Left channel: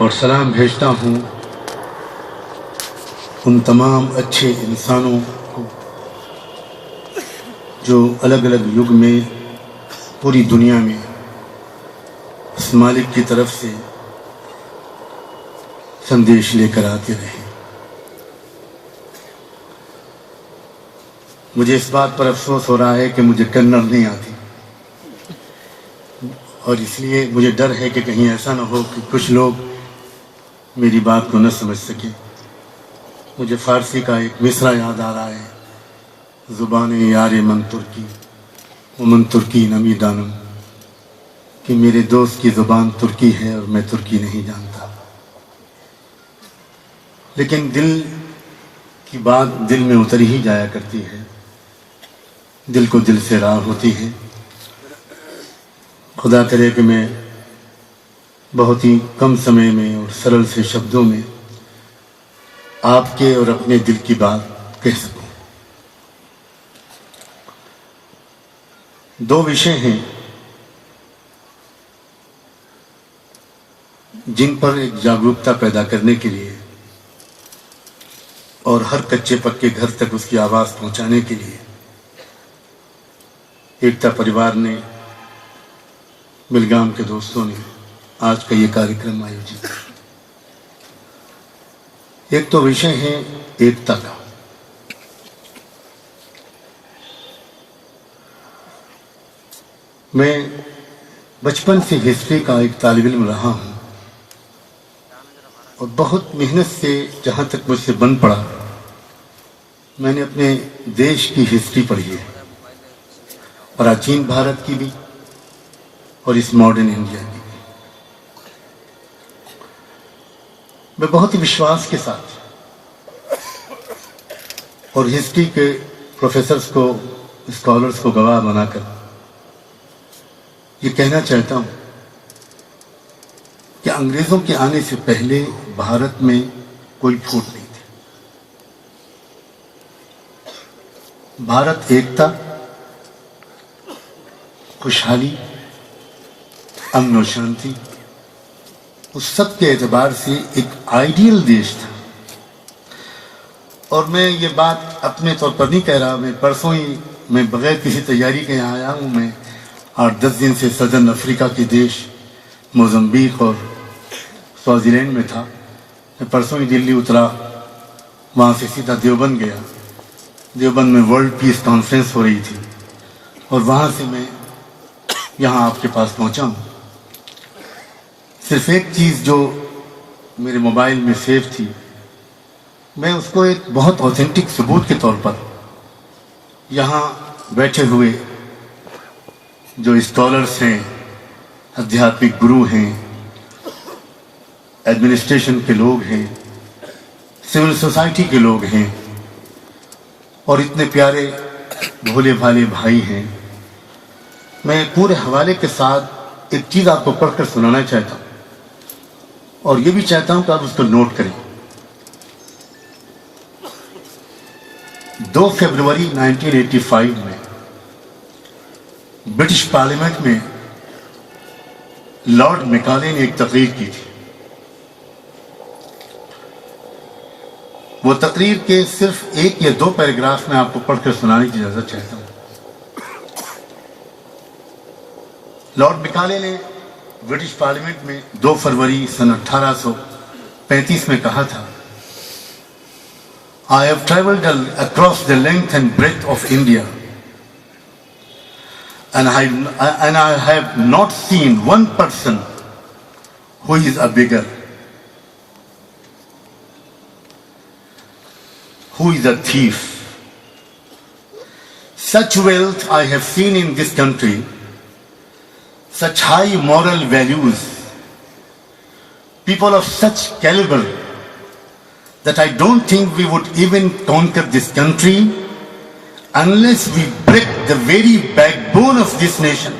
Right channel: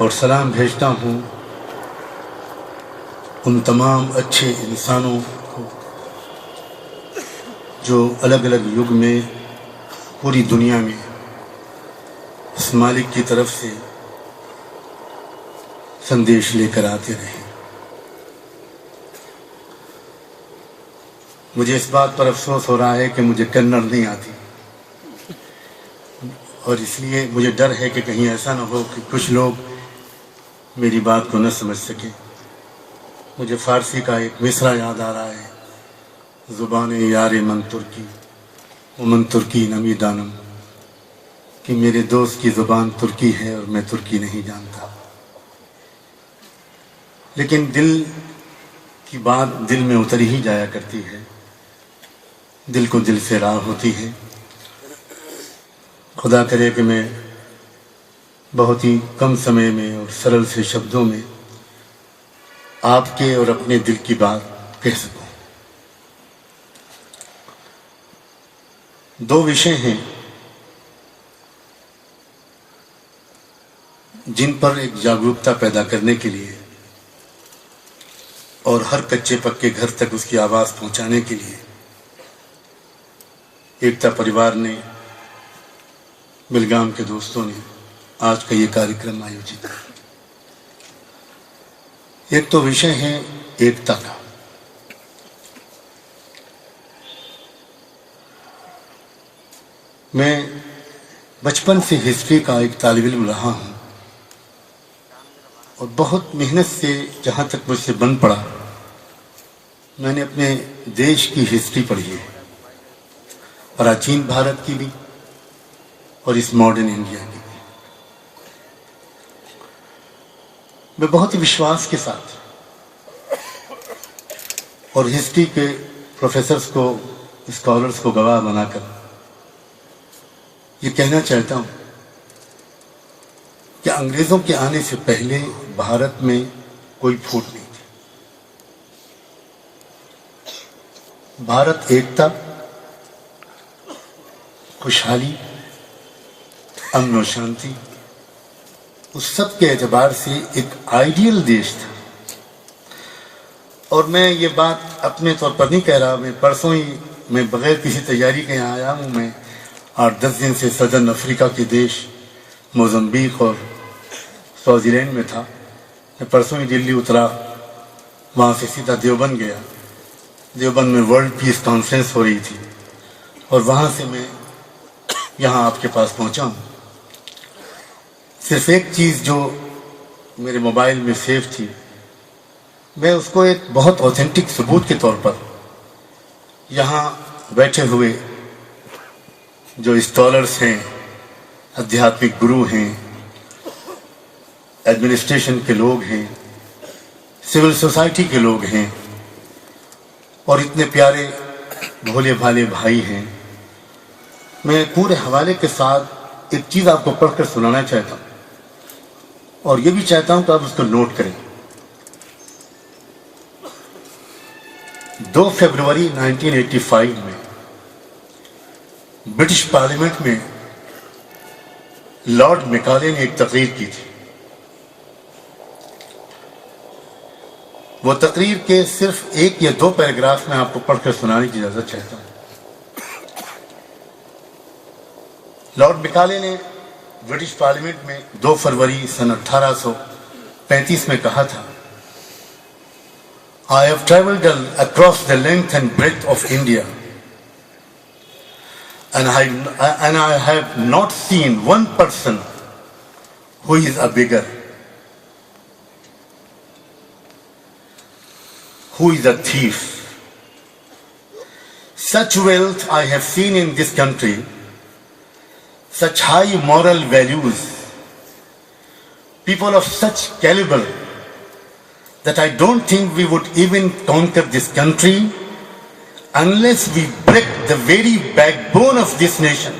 اور سلام بھیجتا ہوں ان تمام اچھے انسانوں کو جو الگ الگ یگ میں پوری دنیا میں اس مالک کی طرف سے سندیش لے کر آتے رہے. مجھے اس بات پر افسوس ہو رہا ہے کہ مجھے کنڑ نہیں آتی، اور اس لیے مجھے ڈر ہے کہ کہیں ایسا نہ ہو کہ کچھ لوگ میری بات کو نہ سمجھ سکیں. مجھے فارسی کا ایک مصرع یاد آ رہا ہے، زبان یار من ترکی ومن ترکی نمی دانم، کہ میرے دوست کی زبان ترکی ہے اور میں ترکی نہیں جانتا. لیکن دل کی بات دل میں اتر ہی جایا کرتی ہے، دل کو دل سے راہ ہوتی ہے. خدا کرے کہ میں بہت ہی کم سمے میں اور سرل سے شبدوں میں آپ کے اور اپنے دل کی بات کہہ سکوں. دو وشے ہیں جن پر ایک جاگرکتا پیدا کرنے کے لیے اور ہر کچے پکے گھر تک اس کی آواز پہنچانے کے لیے ایکتا پریوار نے، بلگام کے دوستوں نے آج کا یہ کارکرم آیوجت کیا. ایک تو وشے ہے ایکتا کا. میں بچپن سے ہسٹری کا ایک طالب علم رہا ہوں اور بہت محنت سے جہاں تک مجھ سے بن پڑا میں نے اپنے دیش کی ہسٹری پڑھی ہے، پراچین بھارت کی بھی اور اس ماڈرن انڈیا کی بھی. میں بہت ہی وشواس کے ساتھ اور ہسٹری کے پروفیسرز کو، اسکالرز کو گواہ بنا کر یہ کہنا چاہتا ہوں کہ انگریزوں کے آنے سے پہلے بھارت میں کوئی پھوٹ نہیں تھی. بھارت ایکتا، خوشحالی، امن و شانتی، اس سب کے اعتبار سے ایک آئیڈیل دیش تھا. اور میں یہ بات اپنے طور پر نہیں کہہ رہا، میں پرسوں ہی میں بغیر کسی تیاری کے یہاں آیا ہوں. میں 8-10 دن سے سدرن افریقہ کے دیش موزمبیق اور سوازی لینڈ میں تھا. میں پرسوں ہی دلی اترا، وہاں سے سیدھا دیوبند گیا. دیوبند میں ورلڈ پیس کانفرنس ہو رہی تھی اور وہاں سے میں یہاں آپ کے پاس پہنچا ہوں. صرف ایک چیز جو میرے موبائل میں سیو تھی، میں اس کو ایک بہت اوتھینٹک ثبوت کے طور پر یہاں بیٹھے ہوئے جو اسکالرس ہیں، ادھیاتمک گرو ہیں، ایڈمنسٹریشن کے لوگ ہیں، سول سوسائٹی کے لوگ ہیں اور اتنے پیارے بھولے بھالے بھائی ہیں، میں پورے حوالے کے ساتھ ایک چیز آپ کو پڑھ کر سنانا چاہتا ہوں اور یہ بھی چاہتا ہوں کہ آپ اس کو نوٹ کریں. 2 فروری 1985 میں برٹش پارلیمنٹ میں لارڈ میکالے نے ایک تقریر کی تھی. وہ تقریر کے صرف 1 یا 2 پیراگراف میں آپ کو پڑھ کر سنانے کی اجازت چاہتا ہوں. لارڈ میکالے نے برٹش پارلیمنٹ میں 2 فروری سن 1835 میں کہا تھا، I have traveled across the length and breadth of India and I have not seen one person who is a beggar, who is a thief. Such wealth I have seen in this country, such high moral values, people of such caliber, that I don't think we would even conquer this country unless we break the very backbone of this nation,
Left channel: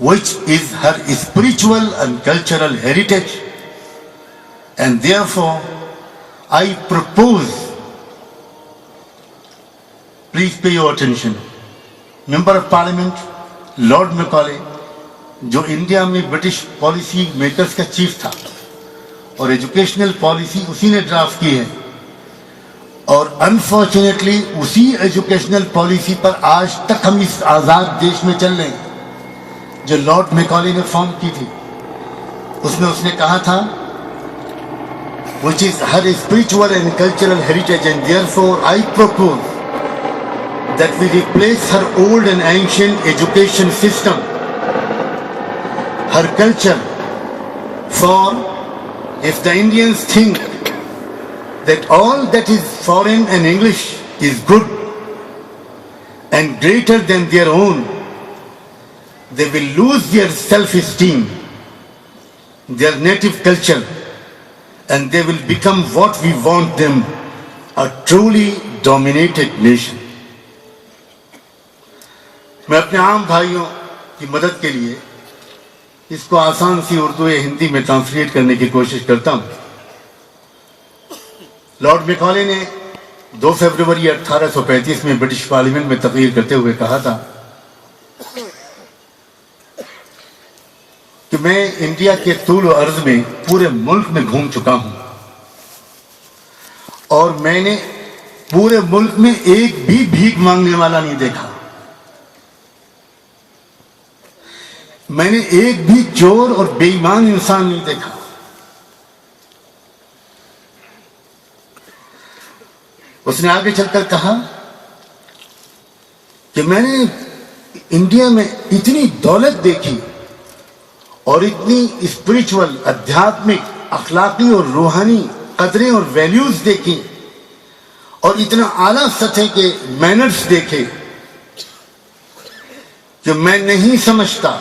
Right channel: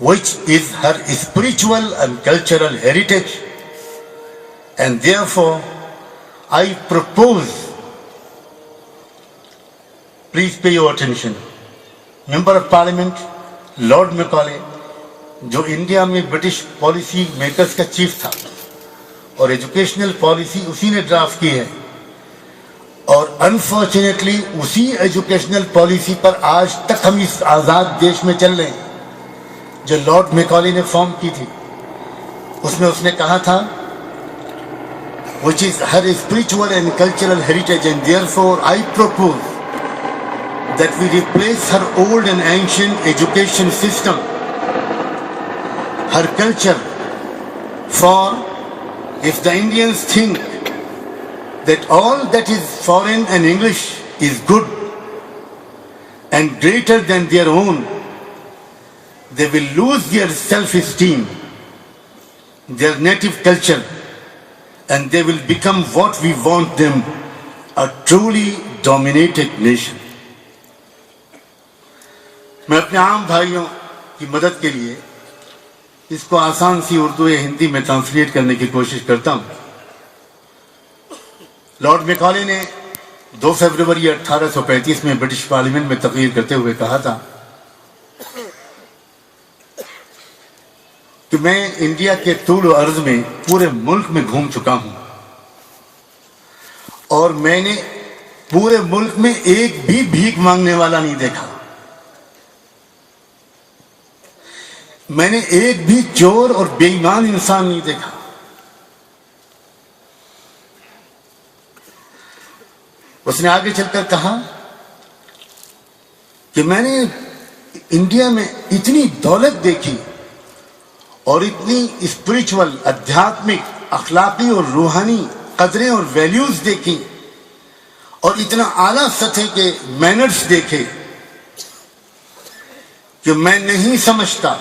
which is her spiritual and cultural heritage. And therefore, I propose, please pay your attention, Member of Parliament, Lord Macaulay, جو India میں British policy makers کا chief تھا، اور educational policy اسی نے draft کی ہے، اور انفارچونیٹلی اسی ایجوکیشنل پالیسی پر آج تک ہم اس آزاد دیش میں چل رہے ہیں جو لارڈ میکالے نے فارم کی تھی۔ اس میں اس نے کہا تھا which is her spiritual and cultural heritage, and therefore I propose that we replace her old and ancient education system, her culture, for if the Indians think that all that is foreign and English is good and greater than their own, they will lose their self-esteem, their native culture, and they will become what we want them, a truly dominated nation. میں اپنے عام بھائیوں کی مدد کے لیے اس کو آسان سی اردو یا ہندی میں ٹرانسلیٹ کرنے کی کوشش کرتا ہوں۔ لارڈ میکالے نے 2 فروری 1835 میں برٹش پارلیمنٹ میں تقریر کرتے ہوئے کہا تھا کہ میں انڈیا کے طول و عرض میں پورے ملک میں گھوم چکا ہوں، اور میں نے پورے ملک میں ایک بھی بھیک مانگنے والا نہیں دیکھا، میں نے ایک بھی چور اور بے ایمان انسان نہیں دیکھا۔ اس نے آگے چل کر کہا کہ میں نے انڈیا میں اتنی دولت دیکھی اور اتنی اسپرچول، ادھیاتمک، اخلاقی اور روحانی قدریں اور ویلیوز دیکھی، اور اتنا اعلیٰ سطح کے مینرز دیکھے کہ میں نہیں سمجھتا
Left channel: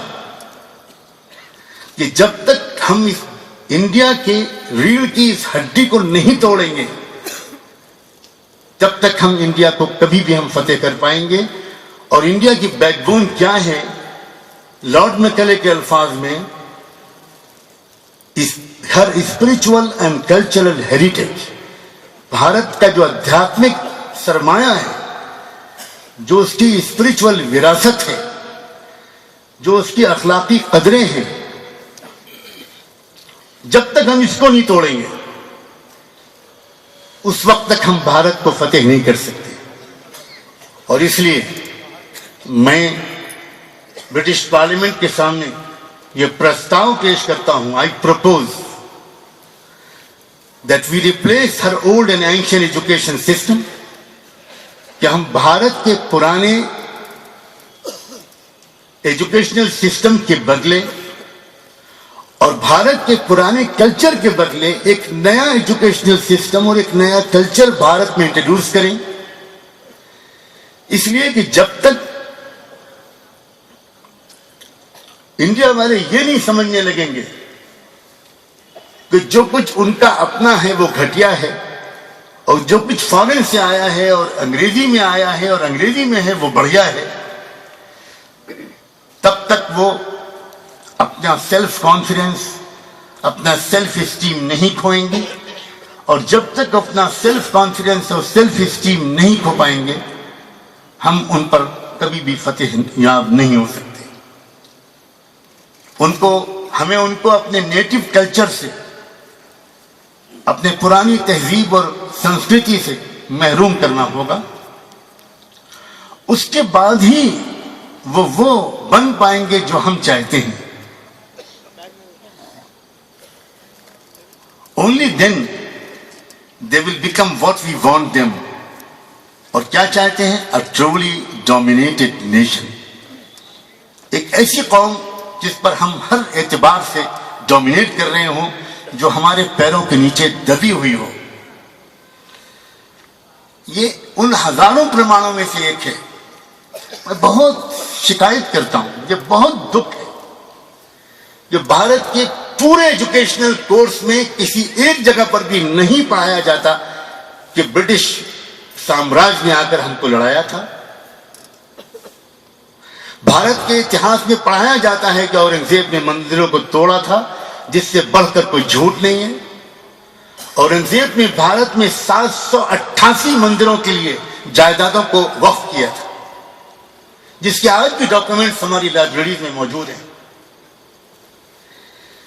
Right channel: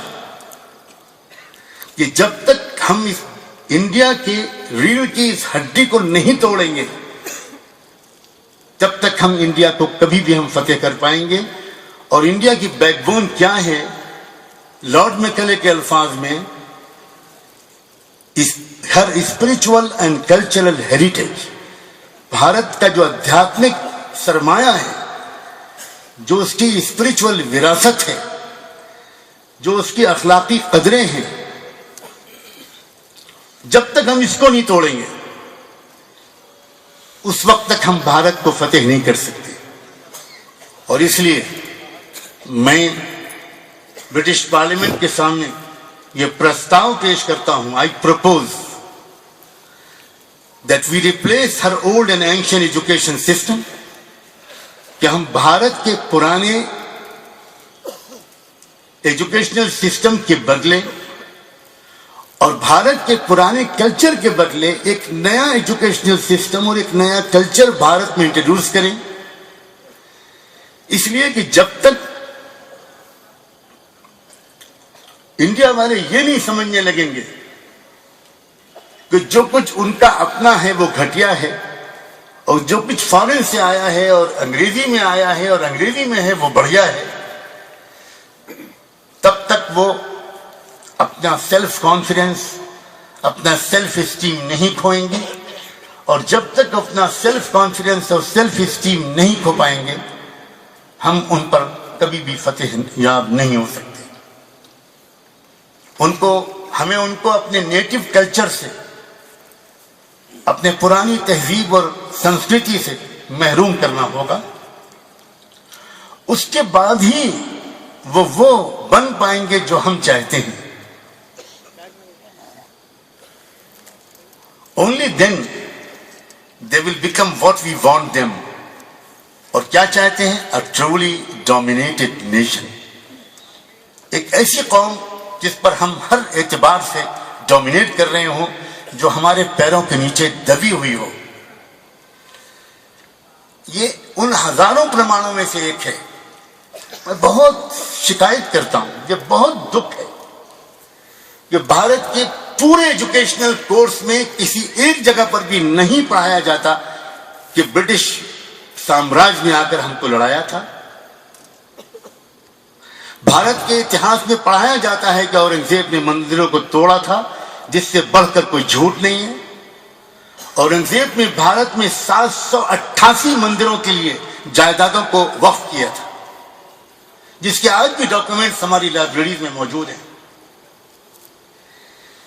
کہ جب تک ہم اس انڈیا کے ریڑھ کی اس ہڈی کو نہیں توڑیں گے تب تک ہم انڈیا کو کبھی بھی ہم فتح کر پائیں گے۔ اور انڈیا کی بیک بون کیا ہے؟ لارڈ میکالے کے الفاظ میں ہر spiritual and cultural heritage, Bharat کا جو ادھیاتمک سرمایہ ہے، جو اس کی اسپرچول وراثت ہے، جو اس کی اخلاقی قدریں ہیں، جب تک ہم اس کو نہیں توڑیں گے اس وقت تک ہم بھارت کو فتح نہیں کر سکتے۔ اور اس لیے میں برٹش پارلیمنٹ کے سامنے یہ پرستاؤ پیش کرتا ہوں، I propose that we replace her old and ancient education system، کہ ہم بھارت کے پرانے ایجوکیشنل سسٹم کے بدلے اور بھارت کے پرانے کلچر کے بدلے ایک نیا ایجوکیشنل سسٹم اور ایک نیا کلچر بھارت میں انٹروڈیوس کریں۔ اس لیے کہ جب تک انڈیا والے یہ نہیں سمجھنے لگیں گے کہ جو کچھ ان کا اپنا ہے وہ گھٹیا ہے، اور جو کچھ فارن سے آیا ہے اور انگریزی میں آیا ہے اور انگریزی میں ہے وہ بڑھیا ہے، تب تک وہ اپنا سیلف کانفیڈنس، اپنا سیلف اسٹیم نہیں کھوئیں گے، اور جب تک اپنا سیلف کانفیڈنس اور سیلف اسٹیم نہیں کھو پائیں گے ہم ان پر کبھی بھی فتح یاب نہیں ہو سکتے۔ ہمیں ان کو اپنے نیٹو کلچر سے، اپنے پرانی تہذیب اور سنسکرتی سے محروم کرنا ہوگا، اس کے بعد ہی وہ بن پائیں گے جو ہم چاہتے ہیں۔ Only then they will become what we want them۔ اور کیا چاہتے ہیں؟ A truly dominated nation، ایک ایسی قوم جس پر ہم ہر اعتبار سے ڈومینیٹ کر رہے ہوں، جو ہمارے پیروں کے نیچے دبی ہوئی ہو۔ یہ ان ہزاروں پرمانوں میں سے ایک ہے۔ میں بہت شکایت کرتا ہوں، یہ بہت دکھ ہے کہ بھارت کے پورے ایجوکیشنل کورس میں کسی ایک جگہ پر بھی نہیں پڑھایا جاتا کہ برٹش سامراج نے آ کر ہم کو لڑایا تھا۔ بھارت کے اتہاس میں پڑھایا جاتا ہے کہ اورنگزیب نے مندروں کو توڑا تھا، جس سے بڑھ کر کوئی جھوٹ نہیں ہے۔ اورنگزیب نے بھارت میں 788 مندروں کے لیے جائیدادوں کو وقف کیا تھا، جس کے آج بھی ڈاکومنٹس ہماری لائبریریز میں موجود ہیں۔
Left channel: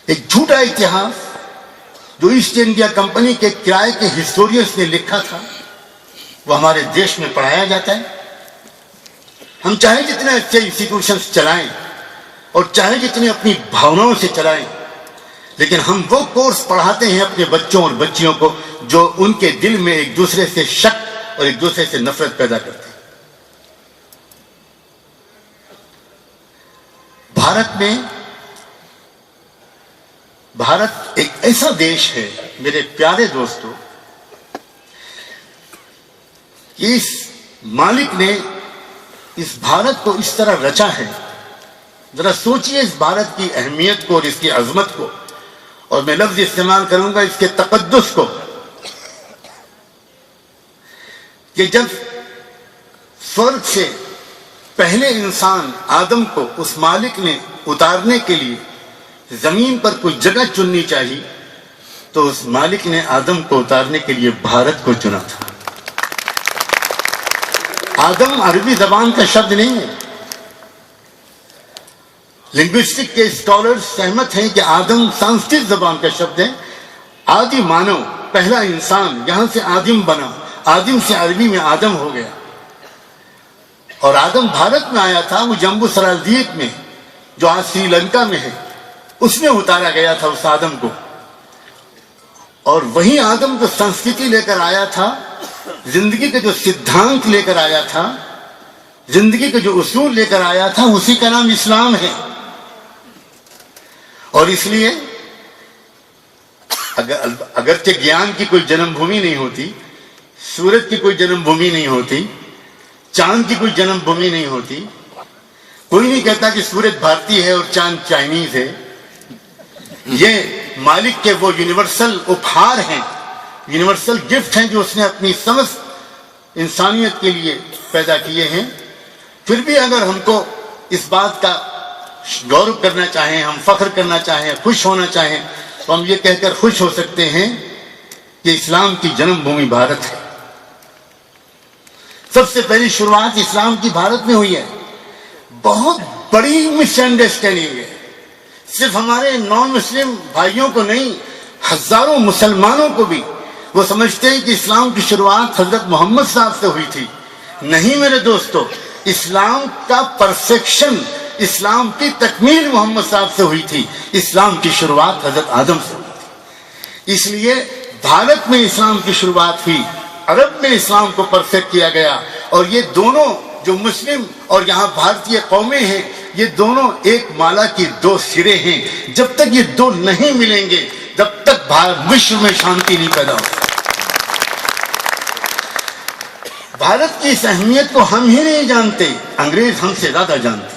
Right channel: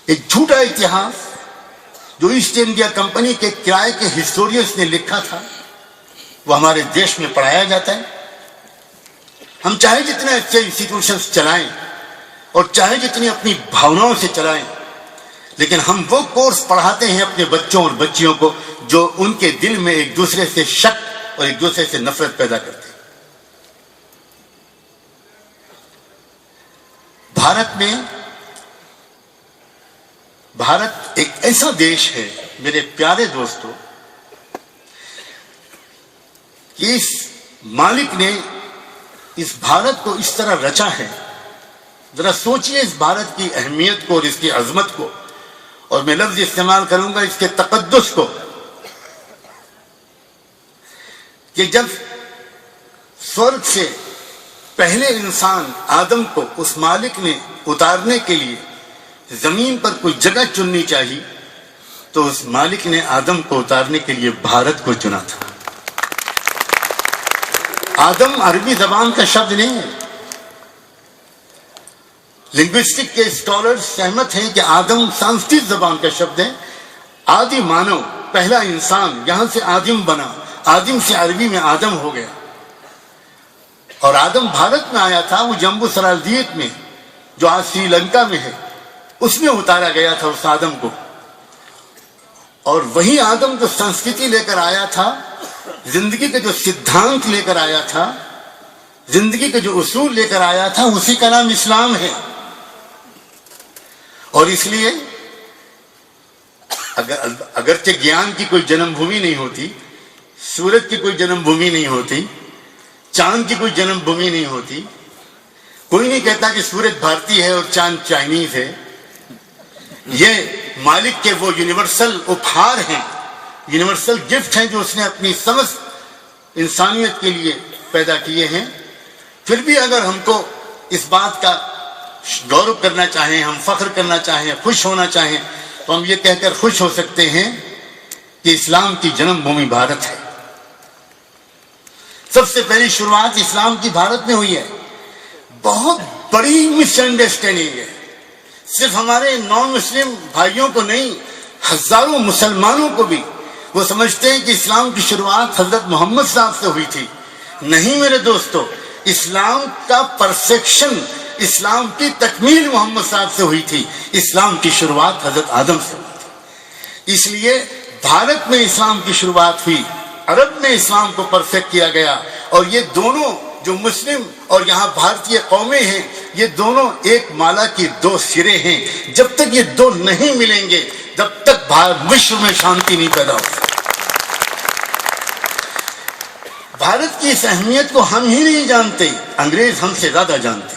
ایک جھوٹا اتہاس جو ایسٹ انڈیا کمپنی کے کرائے کے ہسٹورینز نے لکھا تھا وہ ہمارے دیش میں پڑھایا جاتا ہے. ہم چاہے جتنے اچھے انسٹیٹیوشنز چلائیں اور چاہے جتنی اپنی بھاوناؤں سے چلائیں، لیکن ہم وہ کورس پڑھاتے ہیں اپنے بچوں اور بچیوں کو جو ان کے دل میں ایک دوسرے سے شک اور ایک دوسرے سے نفرت پیدا کرتے ہیں. بھارت ایک ایسا دیش ہے میرے پیارے دوستو کہ اس مالک نے اس بھارت کو اس طرح رچا ہے. ذرا سوچئے اس بھارت کی اہمیت کو اور اس کی عظمت کو، اور میں لفظ استعمال کروں گا اس کے تقدس کو، کہ جب سورگ سے پہلے انسان آدم کو اس مالک نے اتارنے کے لیے زمین پر کوئی جگہ چننی چاہیے تو اس مالک نے آدم کو اتارنے کے لیے بھارت کو چنا تھا. آدم عربی زبان کا شبد نہیں ہے. لنگوسٹک کے اسکالرز سہمت ہیں کہ آدم سنسکرت زبان کا شبد ہے. آدی مانو، پہلا انسان، یہاں سے آدم بنا، آدم سے عربی میں آدم ہو گیا. اور آدم بھارت میں آیا تھا، وہ جمبو سرالدیپ میں جو آج سری لنکا میں ہے اس میں اتارا گیا تھا اس آدم کو. اور وہی آدم کو سنسکرتی لے کر آیا تھا، زندگی کے جو سدھانت لے کر آیا تھا، زندگی کے جو اصول لے کر آیا تھا، اسی کا نام اسلام ہے. اور اس لیے اگرچہ گیان کی کوئی جنم بھومی نہیں ہوتی، سورج کی کوئی جنم بھومی نہیں ہوتی، چاند کی کوئی جنم بھومی نہیں ہوتی، کوئی نہیں کہتا کہ سورج بھارتی ہے اور چاند چائنیز ہے. یہ مالک کے وہ یونیورسل اپہار ہیں، یونیورسل گفٹ ہیں جو اس نے اپنی سمجھ انسانیت کے لیے پیدا کیے ہیں. پھر بھی اگر ہم کو اس بات کا غور کرنا چاہیں، ہم فخر کرنا چاہیں، خوش ہونا چاہیں، تو ہم یہ کہہ کر خوش ہو سکتے ہیں کہ اسلام کی جنم بھومی بھارت ہے. سب سے پہلی شروعات اسلام کی بھارت میں ہوئی ہے. بہت بڑی مس انڈرسٹینڈنگ ہے، صرف ہمارے نان مسلم بھائیوں کو نہیں، ہزاروں مسلمانوں کو بھی. وہ سمجھتے ہیں کہ اسلام کی شروعات حضرت محمد صاحب سے ہوئی تھی. نہیں میرے دوستو، اسلام کا پرفیکشن، اسلام کی تکمیل محمد صاحب سے ہوئی تھی. اسلام کی شروعات حضرت آدم سے ہوئی تھی. اس لیے بھارت میں اسلام کی شروعات ہوئی، عرب میں اسلام کو پرفیکٹ کیا گیا. اور یہ دونوں جو مسلم اور یہاں بھارتی قومیں ہیں، یہ دونوں ایک مالا کی دو سرے ہیں. جب تک یہ دو نہیں ملیں گے جب تک وشو میں شانتی نہیں پیدا ہو. بھارت کی اس اہمیت کو ہم ہی نہیں جانتے، انگریز ہم سے زیادہ جانتے،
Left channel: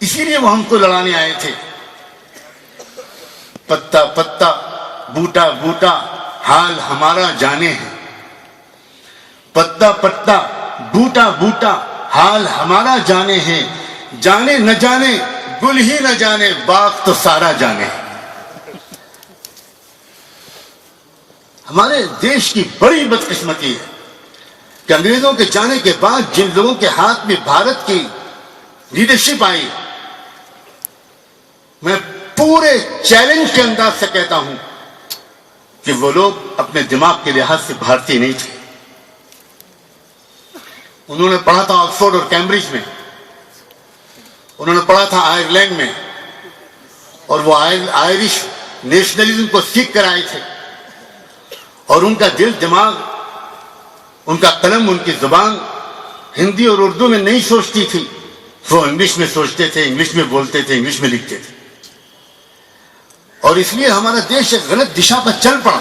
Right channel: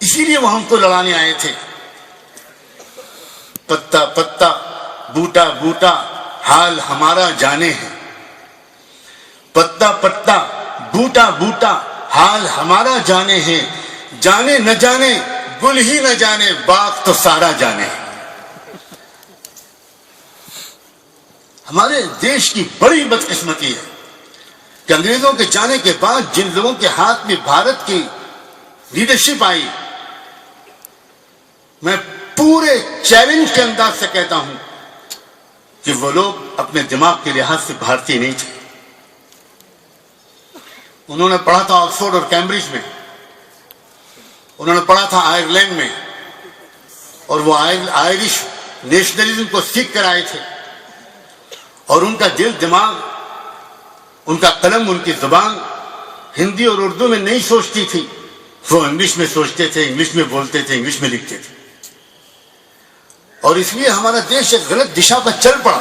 اسی لیے وہ ہم کو لڑانے آئے تھے. پتا پتا بوٹا بوٹا حال ہمارا جانے ہے، پتا پتا بوٹا بوٹا حال ہمارا جانے ہے. جانے نہ جانے گل ہی نہ جانے، باغ تو سارا جانے. ہمارے دیش کی بڑی بدقسمتی ہے کہ انگریزوں کے جانے کے بعد جن لوگوں کے ہاتھ میں بھارت کی لیڈرشپ آئی، میں پورے چیلنج کے انداز سے کہتا ہوں کہ وہ لوگ اپنے دماغ کے لحاظ سے بھارتی نہیں تھے. انہوں نے پڑھا تھا آکسفورڈ اور کیمبرج میں، انہوں نے پڑھا تھا آئرلینڈ میں، اور وہ آئرش نیشنلزم کو سیکھ کر آئے تھے. اور ان کا دل دماغ، ان کا قلم، ان کی زبان ہندی اور اردو میں نہیں سوچتی تھی. وہ انگلش میں سوچتے تھے، انگلش میں بولتے تھے، انگلش میں لکھتے تھے. اور اس لیے ہمارا دیش ایک غلط دشا پر چل پڑا.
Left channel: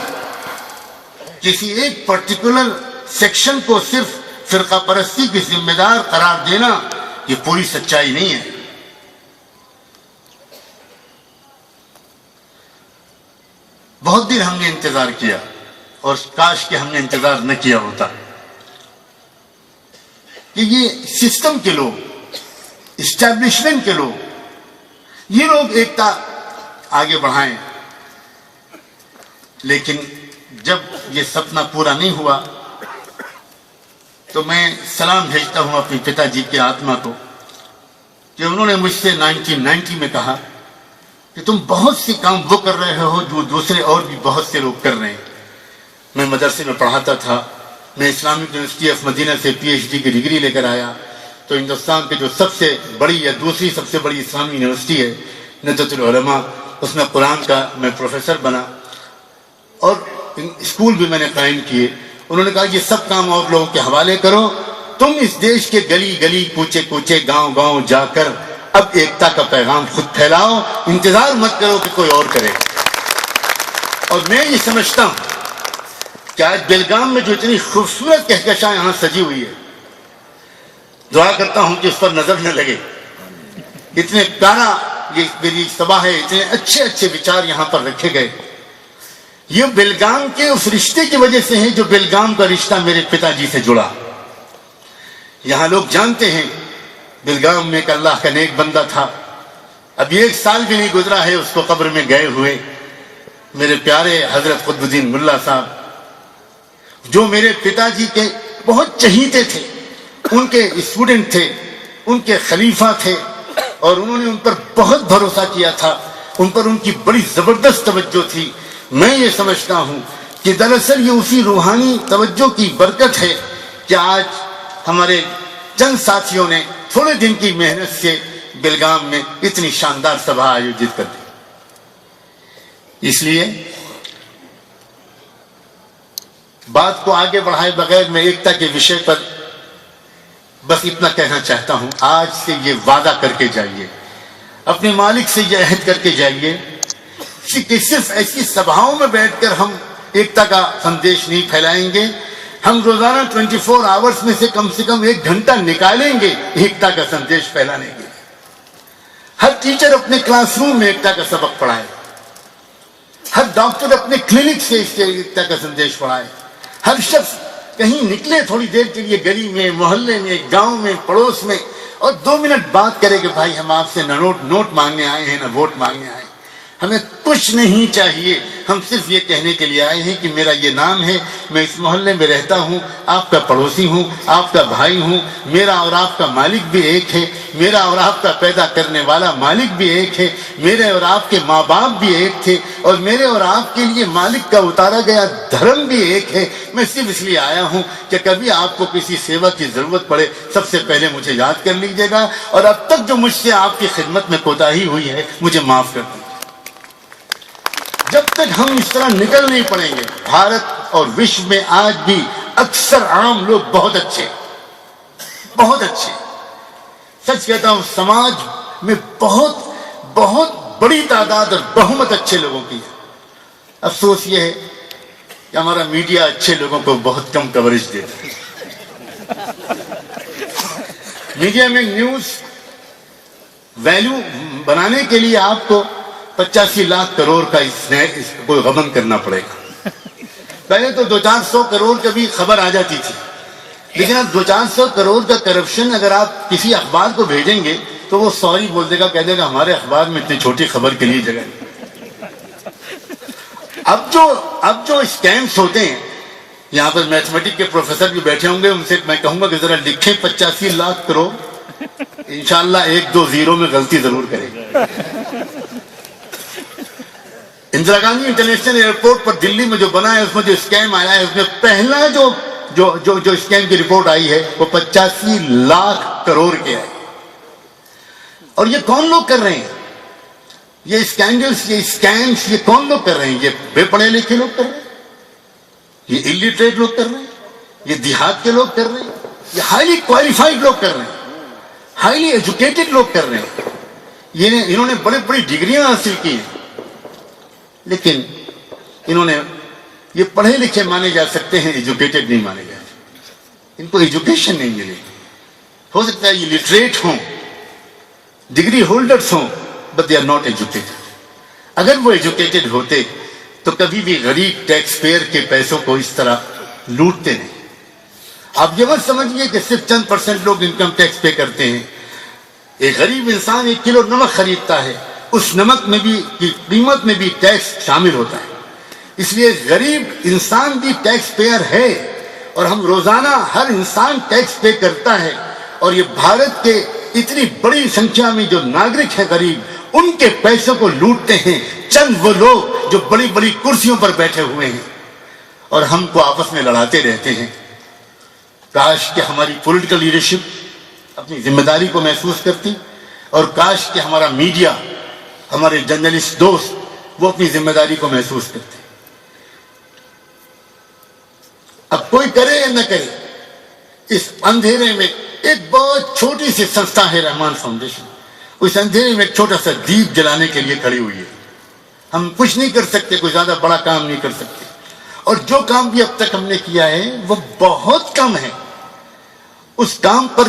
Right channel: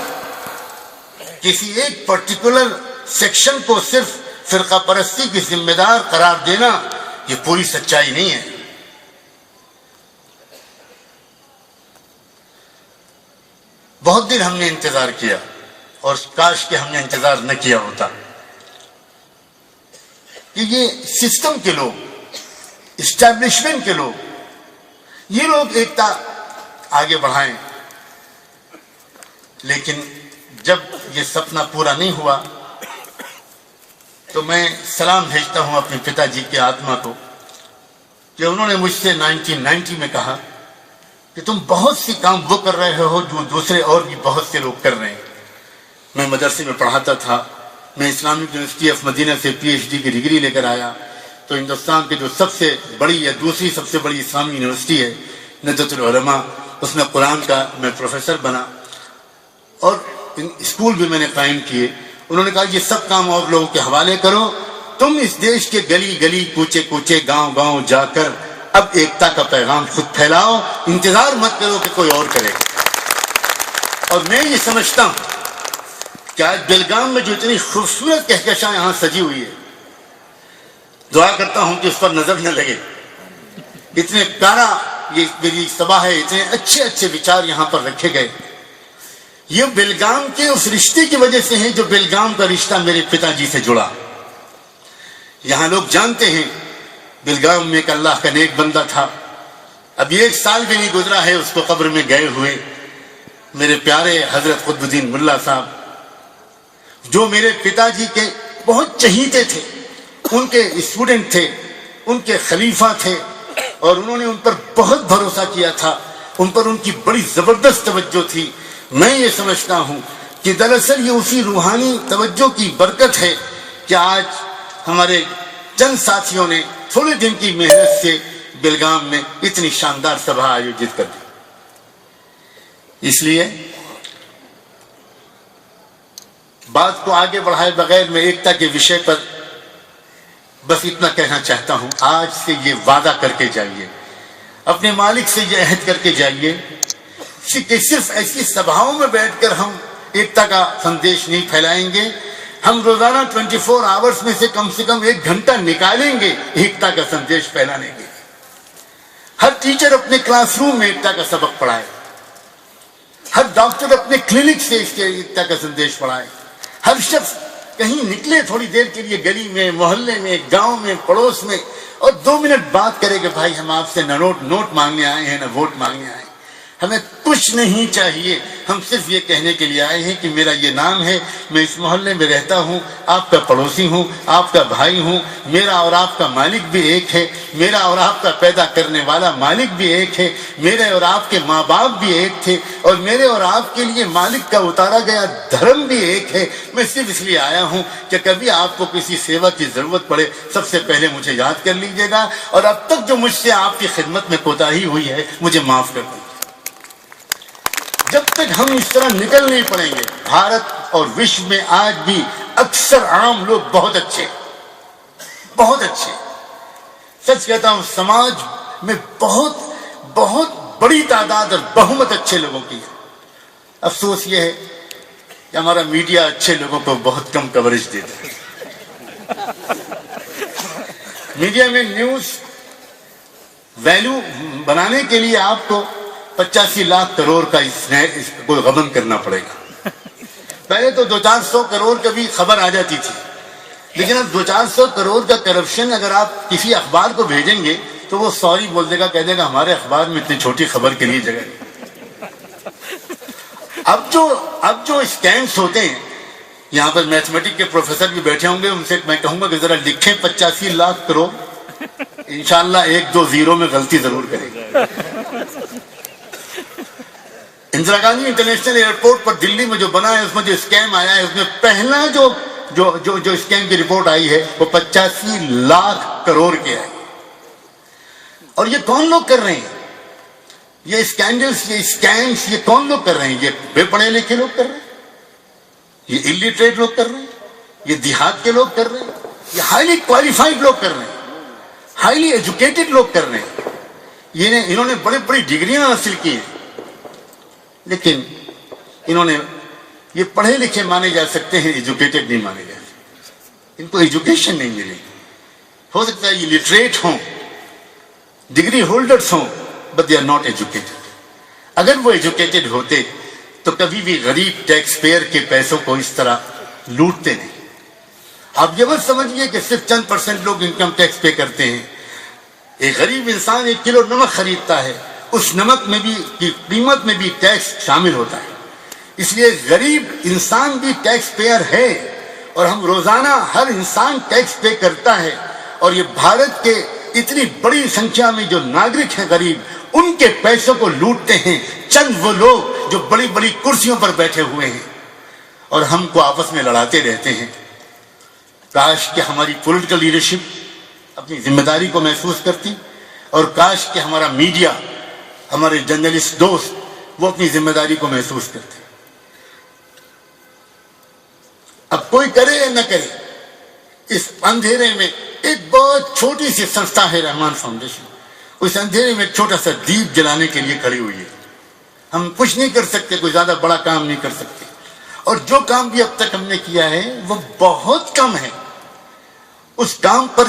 کسی ایک پرٹیکولر سیکشن کو صرف فرقہ پرستی کی ذمہ دار قرار دینا یہ پوری سچائی نہیں ہے. بہت دن ہم نے انتظار کیا، اور کاش کہ ہم نے انتظار نہ کیا ہوتا، کہ یہ سسٹم کے لوگ، اسٹیبلشمنٹ کے لوگ، یہ لوگ ایکتا آگے بڑھائیں. لیکن جب یہ سپنا پورا نہیں ہوا تو میں سلام بھیجتا ہوں اپنے پتا جی کے آتما کو کہ انہوں نے مجھ سے 1990 میں کہا کہ تم بہت سی کام وہ کر رہے ہو جو دوسرے اور بھی بہت سے لوگ کر رہے ہیں۔ میں مدرسے میں پڑھاتا تھا، میں اسلامک یونیورسٹی آف مدینہ سے PhD کی ڈگری لے کر آیا، تو ہندوستان کی جو سب سے بڑی یا دوسری سب سے بڑی اسلامی یونیورسٹی ہے ندوۃ العلماء، اس میں قرآن کا میں پروفیسر بنا، اور اسکول بھی میں نے قائم کیے۔ انہوں نے کہا یہ سب کام اور لوگوں کے حوالے کرو، تم اس دیش کے گلی گلی کوچے کوچے گاؤں گاؤں جا کر اب ایکتا کا پیغام خود پھیلاؤ، انتظار مت کرو کہ کوئی اور کرے۔ اور میں یہ سمجھتا ہوں کہ آج بیلگام میں جو اتنی خوبصورت کہکشاں یہاں سجی ہوئی ہے، دعا کرتا ہوں کہ اس پر نظر نہ لگے۔ اتنے پیارا یہ میری سبھا ہے، اتنے اچھے اچھے وچار یہاں پر رکھے گئے، یہ بیلگام کے اس رشتے کی وجہ سے ہے جو بیلگام کا رشتہ میرے پتا جی سے جڑا۔ یہاں لوگ جانتے ہیں بیلگام میں ایک اللہ کا نیک بندہ تھا، ابھی 1 سال بھی نہیں گزرا ہے اس کو قبر میں گئے ہوئے، میرے پیارے حضرت قطب الدین ملا صاحب، جو میرے پتا جی کے بہت چہیتے تھے، ان کے اسٹوڈنٹ تھے، ان کے خلیفہ تھے، اور انہوں نے ان پر بہت بھروسہ کیا تھا، ان پر ان کی بڑی زبردست توجہ تھی۔ میں یہ سمجھتا ہوں کہ دراصل یہ اسی روحانی توجہ کی برکت ہے کہ آج ہمارے چند ساتھیوں نے تھوڑے دن کی محنت سے بیلگام میں اتنی شاندار سبھا آیوجت کر دی۔ اس لیے بات کو آگے بڑھائے بغیر میں ایکتا کے وشے پر بس اتنا کہنا چاہتا ہوں، آج سے یہ وعدہ کر کے جائیے، اپنے مالک سے یہ عہد کر کے جائیے کہ صرف ایسی سبھاؤں میں بیٹھ کر ہم ایکتا کا سندیش نہیں پھیلائیں گے، ہم روزانہ 24 آورز میں سے کم 1 گھنٹہ نکالیں گے ایکتا کا سندیش پھیلانے کے۔ ہر ٹیچر اپنے کلاس روم میں ایکتا کا سبق پڑھائے، ہر ڈاکٹر اپنے کلینک سے ایکتا کا سندیش پڑھائے، ہر شخص کہیں نکلے تھوڑی دیر کے لیے گلی میں، محلے میں، گاؤں میں، پڑوس میں، اور 2 منٹ بات کرے کہ بھائی ہم آپ سے نہ نوٹ مانگنے آئے ہیں نہ ووٹ مانگنے آئے ہیں، ہمیں کچھ نہیں چاہیے، ہم صرف یہ کہنے کے لیے آئے ہیں کہ میرا یہ نام ہے، میں اس محلے میں رہتا ہوں، آپ کا پڑوسی ہوں، آپ کا بھائی ہوں، میرا اور آپ کا مالک بھی ایک ہے، میرا اور آپ کا پیدا کرنے والا مالک بھی ایک ہے، میرے اور آپ کے ماں باپ بھی ایک تھے، اور میرے اور آپ کے لیے مالک کا اتارا گیا دھرم بھی ایک ہے۔ میں صرف اس لیے آیا ہوں کہ کبھی آپ کو کسی سیوا کی ضرورت پڑے سب سے پہلے مجھے یاد کر لیجیے گا، اور اب تک جو مجھ سے آپ کی خدمت میں کوتاہی ہوئی ہے مجھے معاف کر دیجیے۔ جب تک ہم اس طرح نکل نہیں پڑیں گے، بھارت اور وشو میں آج بھی اکثر عام لوگ بہت اچھے، سچ کہتا ہوں، سماج میں بہت بڑی تعداد اور بہمت اچھے لوگوں کی ہے۔ افسوس یہ ہے کہ ہمارا میڈیا اچھے لوگوں کو بہت کم کوریج دیتا ہے۔ میڈیا میں نیوز ویلیو بنانے کے لیے آپ کو 85 لاکھ کروڑ کا اس کو غبن کرنا پڑے گا۔ پہلے تو 200-400 کروڑ کا بھی خبر آ جاتی تھی، لیکن اب 200-400 کروڑ کا کرپشن اگر آپ کسی اخبار کو بھیجیں گے تو وہ سوری بول دے گا، کہہ دے گا ہمارے اخبار میں اتنی چھوٹی خبر کے لیے جگہ نہیں۔ اب جو اسکیمز ہوتے ہیں، یہاں پر میتھمیٹک کے پروفیسر بھی بیٹھے ہوں گے، ان سے میں کہوں گا کہ ذرا لکھیں 85 لاکھ کروڑ، انشاءاللہ 1-2 زیرو میں غلطی ضرور کرے گا۔ اندرا گاندھی انٹرنیشنل ایئرپورٹ پر دلی میں جو بنا ہے، اس میں جو اسکیم آیا ہے، اس میں پہلا جو اسکیم کی رپورٹ آئی ہے وہ 85 لاکھ کروڑ کے آئی۔ اور یہ کون لوگ کر رہے ہیں؟ یہ اسکینڈلز، یہ اسکیمز، یہ کون لوگ کر رہے ہیں؟ یہ بے پڑھے لکھے لوگ کر رہے ہیں، یہ الٹریٹ لوگ کر رہے ہیں، یہ دیہات کے لوگ کر رہے ہیں، یہ ہائیلی کوالیفائڈ لوگ کر رہے ہیں، ہائیلی ایجوکیٹڈ لوگ کر رہے ہیں۔ انہوں نے بڑے بڑی ڈگریاں حاصل کی ہیں، لیکن یہ پڑھے لکھے مانے جا سکتے ہیں، ایجوکیٹڈ نہیں مانے جا سکتے، ان کو ایجوکیشن نہیں ملے۔ ہو سکتا ہے یہ لٹریٹ ہوں، ڈگری ہولڈرز ہوں، but they are not educated. اگر وہ ایجوکیٹڈ ہوتے تو کبھی بھی غریب ٹیکس پیئر کے پیسوں کو اس طرح لوٹتے نہیں۔ آپ یہ مت سمجھیے کہ صرف 10% لوگ انکم ٹیکس پے کرتے ہیں۔ ایک غریب انسان 1 کلو نمک خریدتا ہے، اس نمک میں بھی کی قیمت میں بھی ٹیکس شامل ہوتا ہے، اس لیے غریب انسان بھی ٹیکس پیئر ہے، اور ہم روزانہ ہر انسان ٹیکس پے کرتا ہے، اور یہ بھارت کے اتنی بڑی سنکھیا میں جو ناگرک ہے غریب، ان کے پیسوں کو لوٹتے ہیں چند وہ لوگ جو بڑی بڑی کرسیوں پر بیٹھے ہوئے ہیں اور ہم کو آپس میں لڑاتے رہتے ہیں۔ کاش کہ ہماری پولیٹیکل لیڈرشپ اپنی ذمہ داری کو محسوس کرتی، اور کاش کہ ہمارا میڈیا، ہمارے جرنلسٹ دوست وہ اپنی ذمہ داری کو محسوس کرتے۔ اب کوئی کرے یا نہ کرے، اس اندھیرے میں ایک بہت چھوٹی سی سنستھا ہے رحمان فاؤنڈیشن، اس اندھیرے میں ایک چھوٹا سا دیپ جلانے کے لیے کھڑی ہوئی ہے۔ ہم کچھ نہیں کر سکتے، کوئی زیادہ بڑا کام نہیں کر سکتے، اور جو کام بھی اب تک ہم نے کیا ہے وہ بہت کم ہے۔ اس کام پر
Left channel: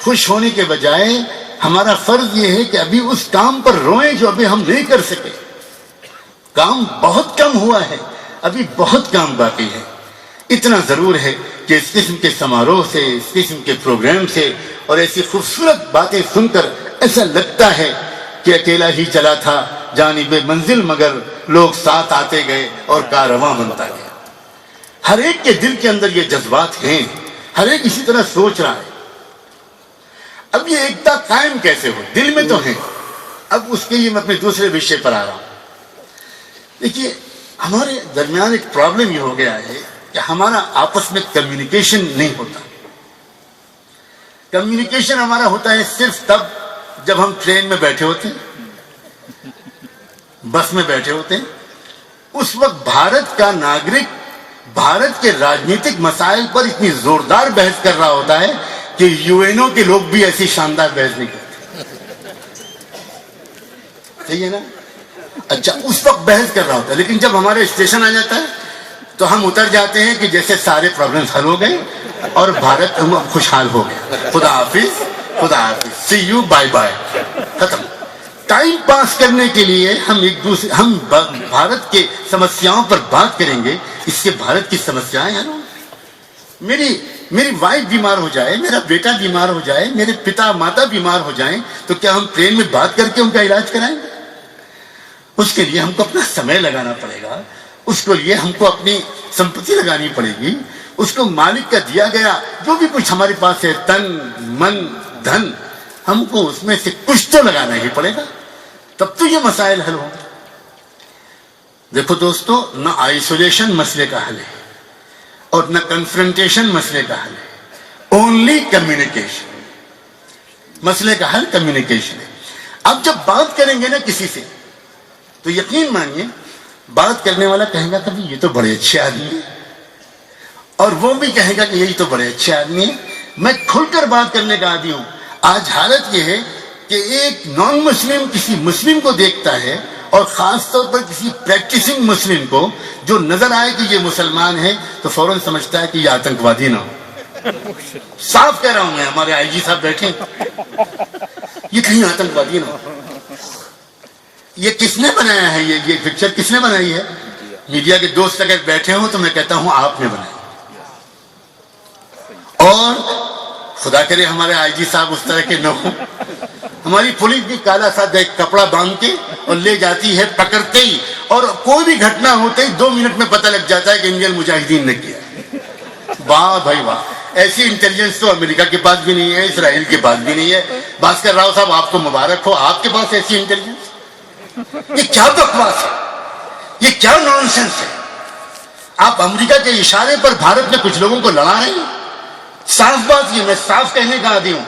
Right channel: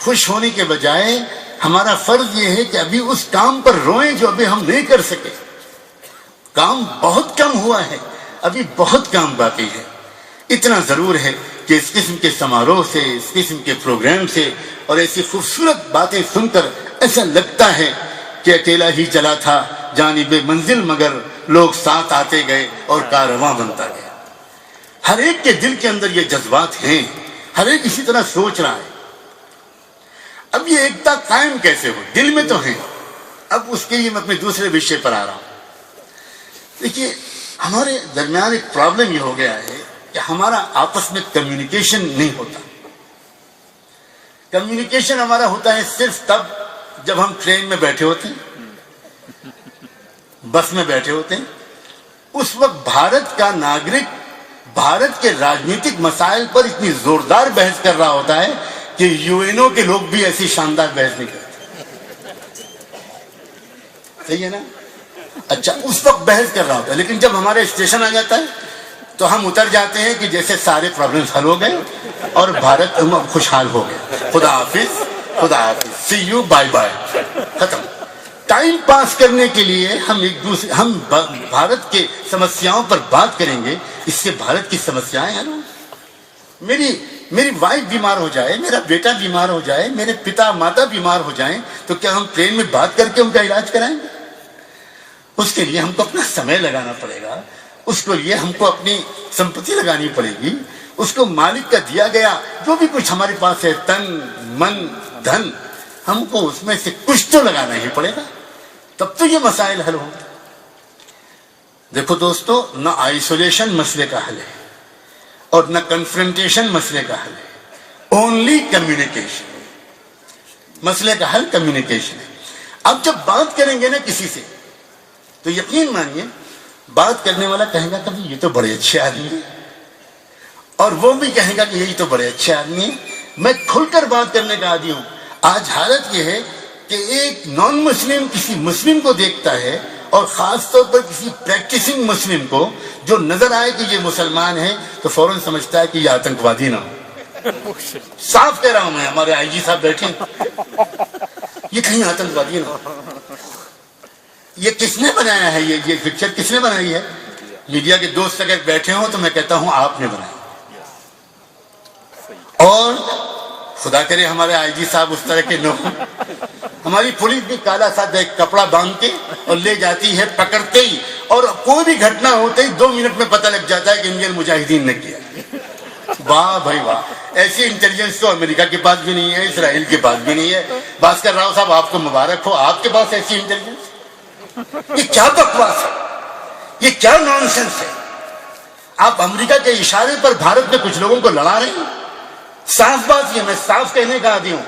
خوش ہونے کے بجائے ہمارا فرض یہ ہے کہ ابھی اس کام پر روئیں جو ابھی ہم نہیں کر سکے۔ کام بہت کم ہوا ہے، ابھی بہت کام باقی ہے۔ اتنا ضرور ہے کہ اس قسم کے سماروہ سے، اس قسم کے پروگرام سے اور ایسی خوبصورت باتیں سن کر ایسا لگتا ہے کہ اکیلا ہی چلا تھا جانب منزل، مگر لوگ ساتھ آتے گئے اور کارواں بنتا گیا۔ ہر ایک کے دل کے اندر یہ جذبات ہیں، ہر ایک اسی طرح سوچ رہا ہے۔ اب یہ ایکتا قائم کیسے ہو؟ دل میں تو ہے، اب اس کے لیے میں اپنے دوسرے وشے پر آ رہا ہوں۔ دیکھیے، ہمارے درمیان ایک پرابلم یہ ہو گیا ہے کہ ہمارا آپس میں کمیونیکیشن نہیں ہوتا۔ کمیونیکیشن ہمارا ہوتا ہے صرف تب جب ہم ٹرین میں بیٹھے ہوتے ہیں، بس میں بیٹھے ہوتے ہیں۔ اس وقت بھارت کا ناگرک بھارت کے راجنیتک مسائل پر اتنی زوردار بحث کر رہا ہوتا ہے کہ UN کے لوگ بھی ایسی شاندار بحث نہیں کرتے۔ صحیح ہے نا؟ اچھا، اس وقت بحث کر رہا ہوتا ہے، لیکن جب ہمارا اسٹیشن آ جاتا ہے تو ہم اتر جاتے ہیں کہ جیسے سارے پرابلمز حل ہو گئے اور بھارت خوشحال ہو گیا۔ خدا حافظ، خدا حافظ، سی یو، بائے بائے، ختم۔ ٹائم پاس کرنے کے لیے ہم بھارت کے سمسیاؤں پر بات کریں گے، اس سے بھارت کی سمسیایں حل ہوں۔ میری وائف بیمار ہو جائے، میرا بیٹا بیمار ہو جائے، میرے پتا ماتا بیمار ہو جائیں، تو کیا ہم ٹرین میں بات کر کے ان کا علاج کرائیں گے؟ اس کے لیے ہم کو اپنا سمے لگانا پڑے گا، اس کے لیے ہم کو اپنی سمپتی لگانی پڑے گی، اس کو مالک کا دیا گیا جو بھی کچھ ہمارے پاس ہے، تن من دھن، ہم کو اس میں سے کچھ تو لگانا ہی پڑے گا، تب تو یہ مسائل حل ہوں گے۔ دیکھو دوستو، نہ آئسولیشن مسئلے کا حل ہے اور نہ کنفرنٹیشن مسئلے کا حل ہے، اونلی کمیونیکیشن۔ مسئلے کا حل کمیونیکیشن ہے۔ اب جب بات کریں گے نا کسی سے، تو یقین مانیے بات کرنے والا کہے گا کبھی یہ تو بڑے اچھے آدمی ہیں، اور وہ بھی کہے گا کہ یہی تو بڑے اچھے آدمی ہیں۔ میں کھل کر بات کرنے کا عادی ہوں۔ آج حالت یہ ہے کہ ایک نان مسلم کسی مسلم کو دیکھتا ہے، اور خاص طور پر کسی پریکٹسنگ مسلم کو جو نظر آئے کہ یہ مسلمان ہے، تو فوراً سمجھتا ہے کہ یہ آتنکوادی نہ ہو۔ صاف کہہ رہا ہوں میں، ہمارے آئی جی صاحب بیٹھے ہیں، یہ کہیں آتنکوادی نہ ہو۔ یہ کس نے بنایا ہے؟ یہ پکچر کس نے بنائی ہے؟ میڈیا کے دوست اگر بیٹھے ہوں تو میں کہتا ہوں آپ نے بنائی، اور خدا کرے ہمارے آئی جی صاحب اس طرح کے نہ ہوں۔ ہماری پولیس بھی کالا سا ایک کپڑا باندھ کے اور لے جاتی ہے، پکڑتے ہی، اور کوئی بھی گھٹنا ہوتے ہی 2 منٹ میں پتہ لگ جاتا ہے کہ انڈین مجاہدین نے کیا۔ واہ بھائی واہ، ایسی انٹیلیجنس تو امریکہ کے پاس بھی نہیں ہے، اسرائیل کے پاس بھی نہیں ہے۔ بھاسکر راؤ صاحب آپ کو مبارک ہو، آپ کے پاس ایسی انٹیلیجنس۔ یہ کیا بکواس ہے، یہ کیا نانسنس ہے؟ آپ امریکہ کے اشارے پر بھارت میں کچھ لوگوں کو لڑا رہے ہیں۔ صاف بات یہ، میں صاف کہنے کا عادی ہوں،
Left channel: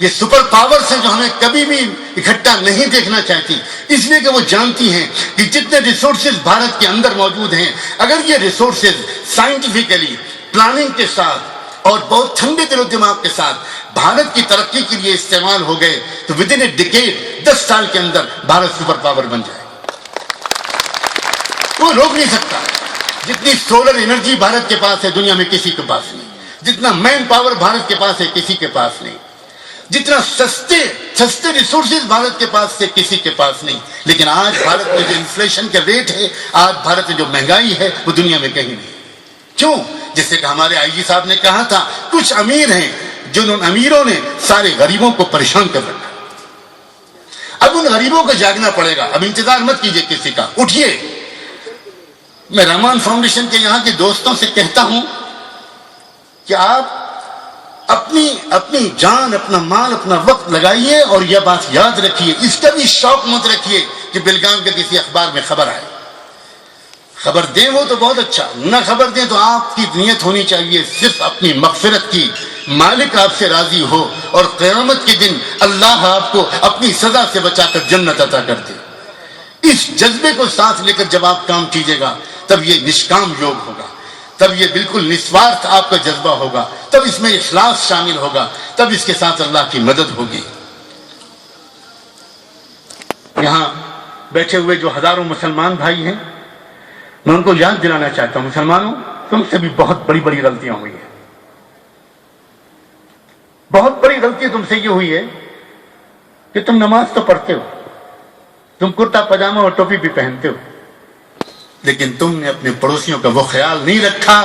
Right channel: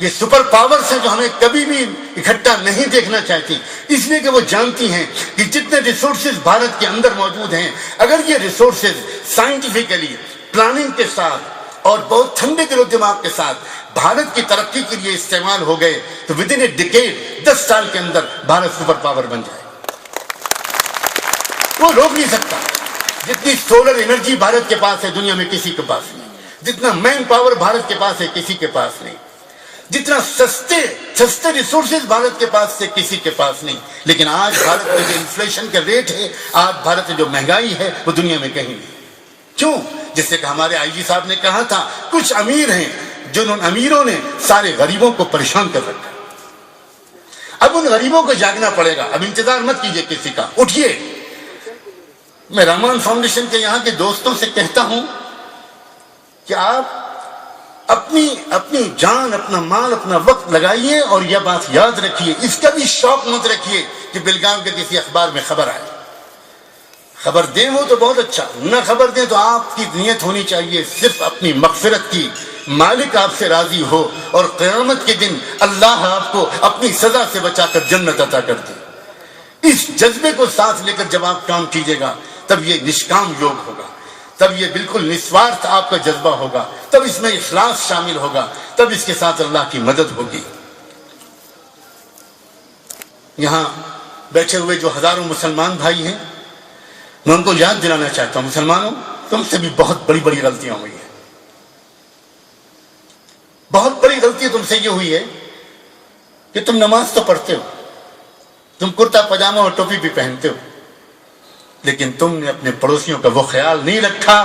یہ سپر پاورز ہیں جو ہمیں کبھی بھی اکٹھا نہیں دیکھنا چاہتی، اس لیے کہ وہ جانتی ہیں کہ جتنے ریسورسز بھارت کے اندر موجود ہیں، اگر یہ ریسورسز سائنٹیفکلی پلاننگ کے ساتھ اور بہت ٹھنڈے دل و دماغ کے ساتھ بھارت کی ترقی کے لیے استعمال ہو گئے تو ود ان اے ڈیکیڈ 10 سال کے اندر بھارت سپر پاور بن جائے۔ وہ روک نہیں سکتا۔ جتنی سولر انرجی بھارت کے پاس ہے دنیا میں کسی کے پاس نہیں، جتنا مین پاور بھارت کے پاس ہے کسی کے پاس نہیں، جتنا سستے ریسورسز بھارت کے پاس ہے کسی کے پاس نہیں۔ لیکن آج بھارت میں جو انفلیشن کا ریٹ ہے، آج بھارت میں جو مہنگائی ہے، وہ دنیا میں کہیں نہیں۔ کیوں؟ جس سے کہ ہمارے آئی جی صاحب نے کہا تھا، کچھ امیر ہیں جن ان امیروں نے سارے غریبوں کو پریشان کر رکھا۔ اب ان غریبوں کو جاگنا پڑے گا۔ اب انتظار مت کیجئے کسی کا، اٹھیے۔ میں رحمان فاؤنڈیشن کے یہاں کے دوستوں سے کہتا ہوں کہ آپ اپنی جان، اپنا مال، اپنا وقت لگائیے، اور یہ بات یاد رکھیے، اس کا بھی شوق مت رکھیے کہ بیلگام کے کسی اخبار میں خبر آئے۔ خبر دیں وہ تو بہت اچھا، نہ خبر دیں تو آپ کی نیت ہونی چاہیے صرف اپنی مغفرت کی، مالک آپ سے راضی ہو، اور قیامت کے دن اللہ آپ کو اپنی سزا سے بچا کر جنت عطا کر دے۔ اس جذبے کو ساتھ لے کر جب آپ کام کیجیے گا تب یہ نشکام یوگ ہوگا، تب یہ بالکل نسوارتھ آپ کا جذبہ ہوگا، تب اس میں اخلاص شامل ہوگا، تب اس کے ساتھ اللہ کی مدد ہوگی۔ یہاں بیٹھے ہوئے جو ہزاروں مسلمان بھائی ہیں، میں ان کو یاد دلانا چاہتا ہوں، مسلمانوں تم سے بھی بہت بڑی بڑی غلطیاں ہوئی ہیں۔ بہت بڑی غلطی تم سے یہ ہوئی ہے کہ تم نماز تو پڑھتے ہو، تم کرتا پاجامہ اور ٹوپی بھی پہنتے ہو، لیکن تم نے اپنے پڑوسیوں کا وہ خیال نہیں رکھا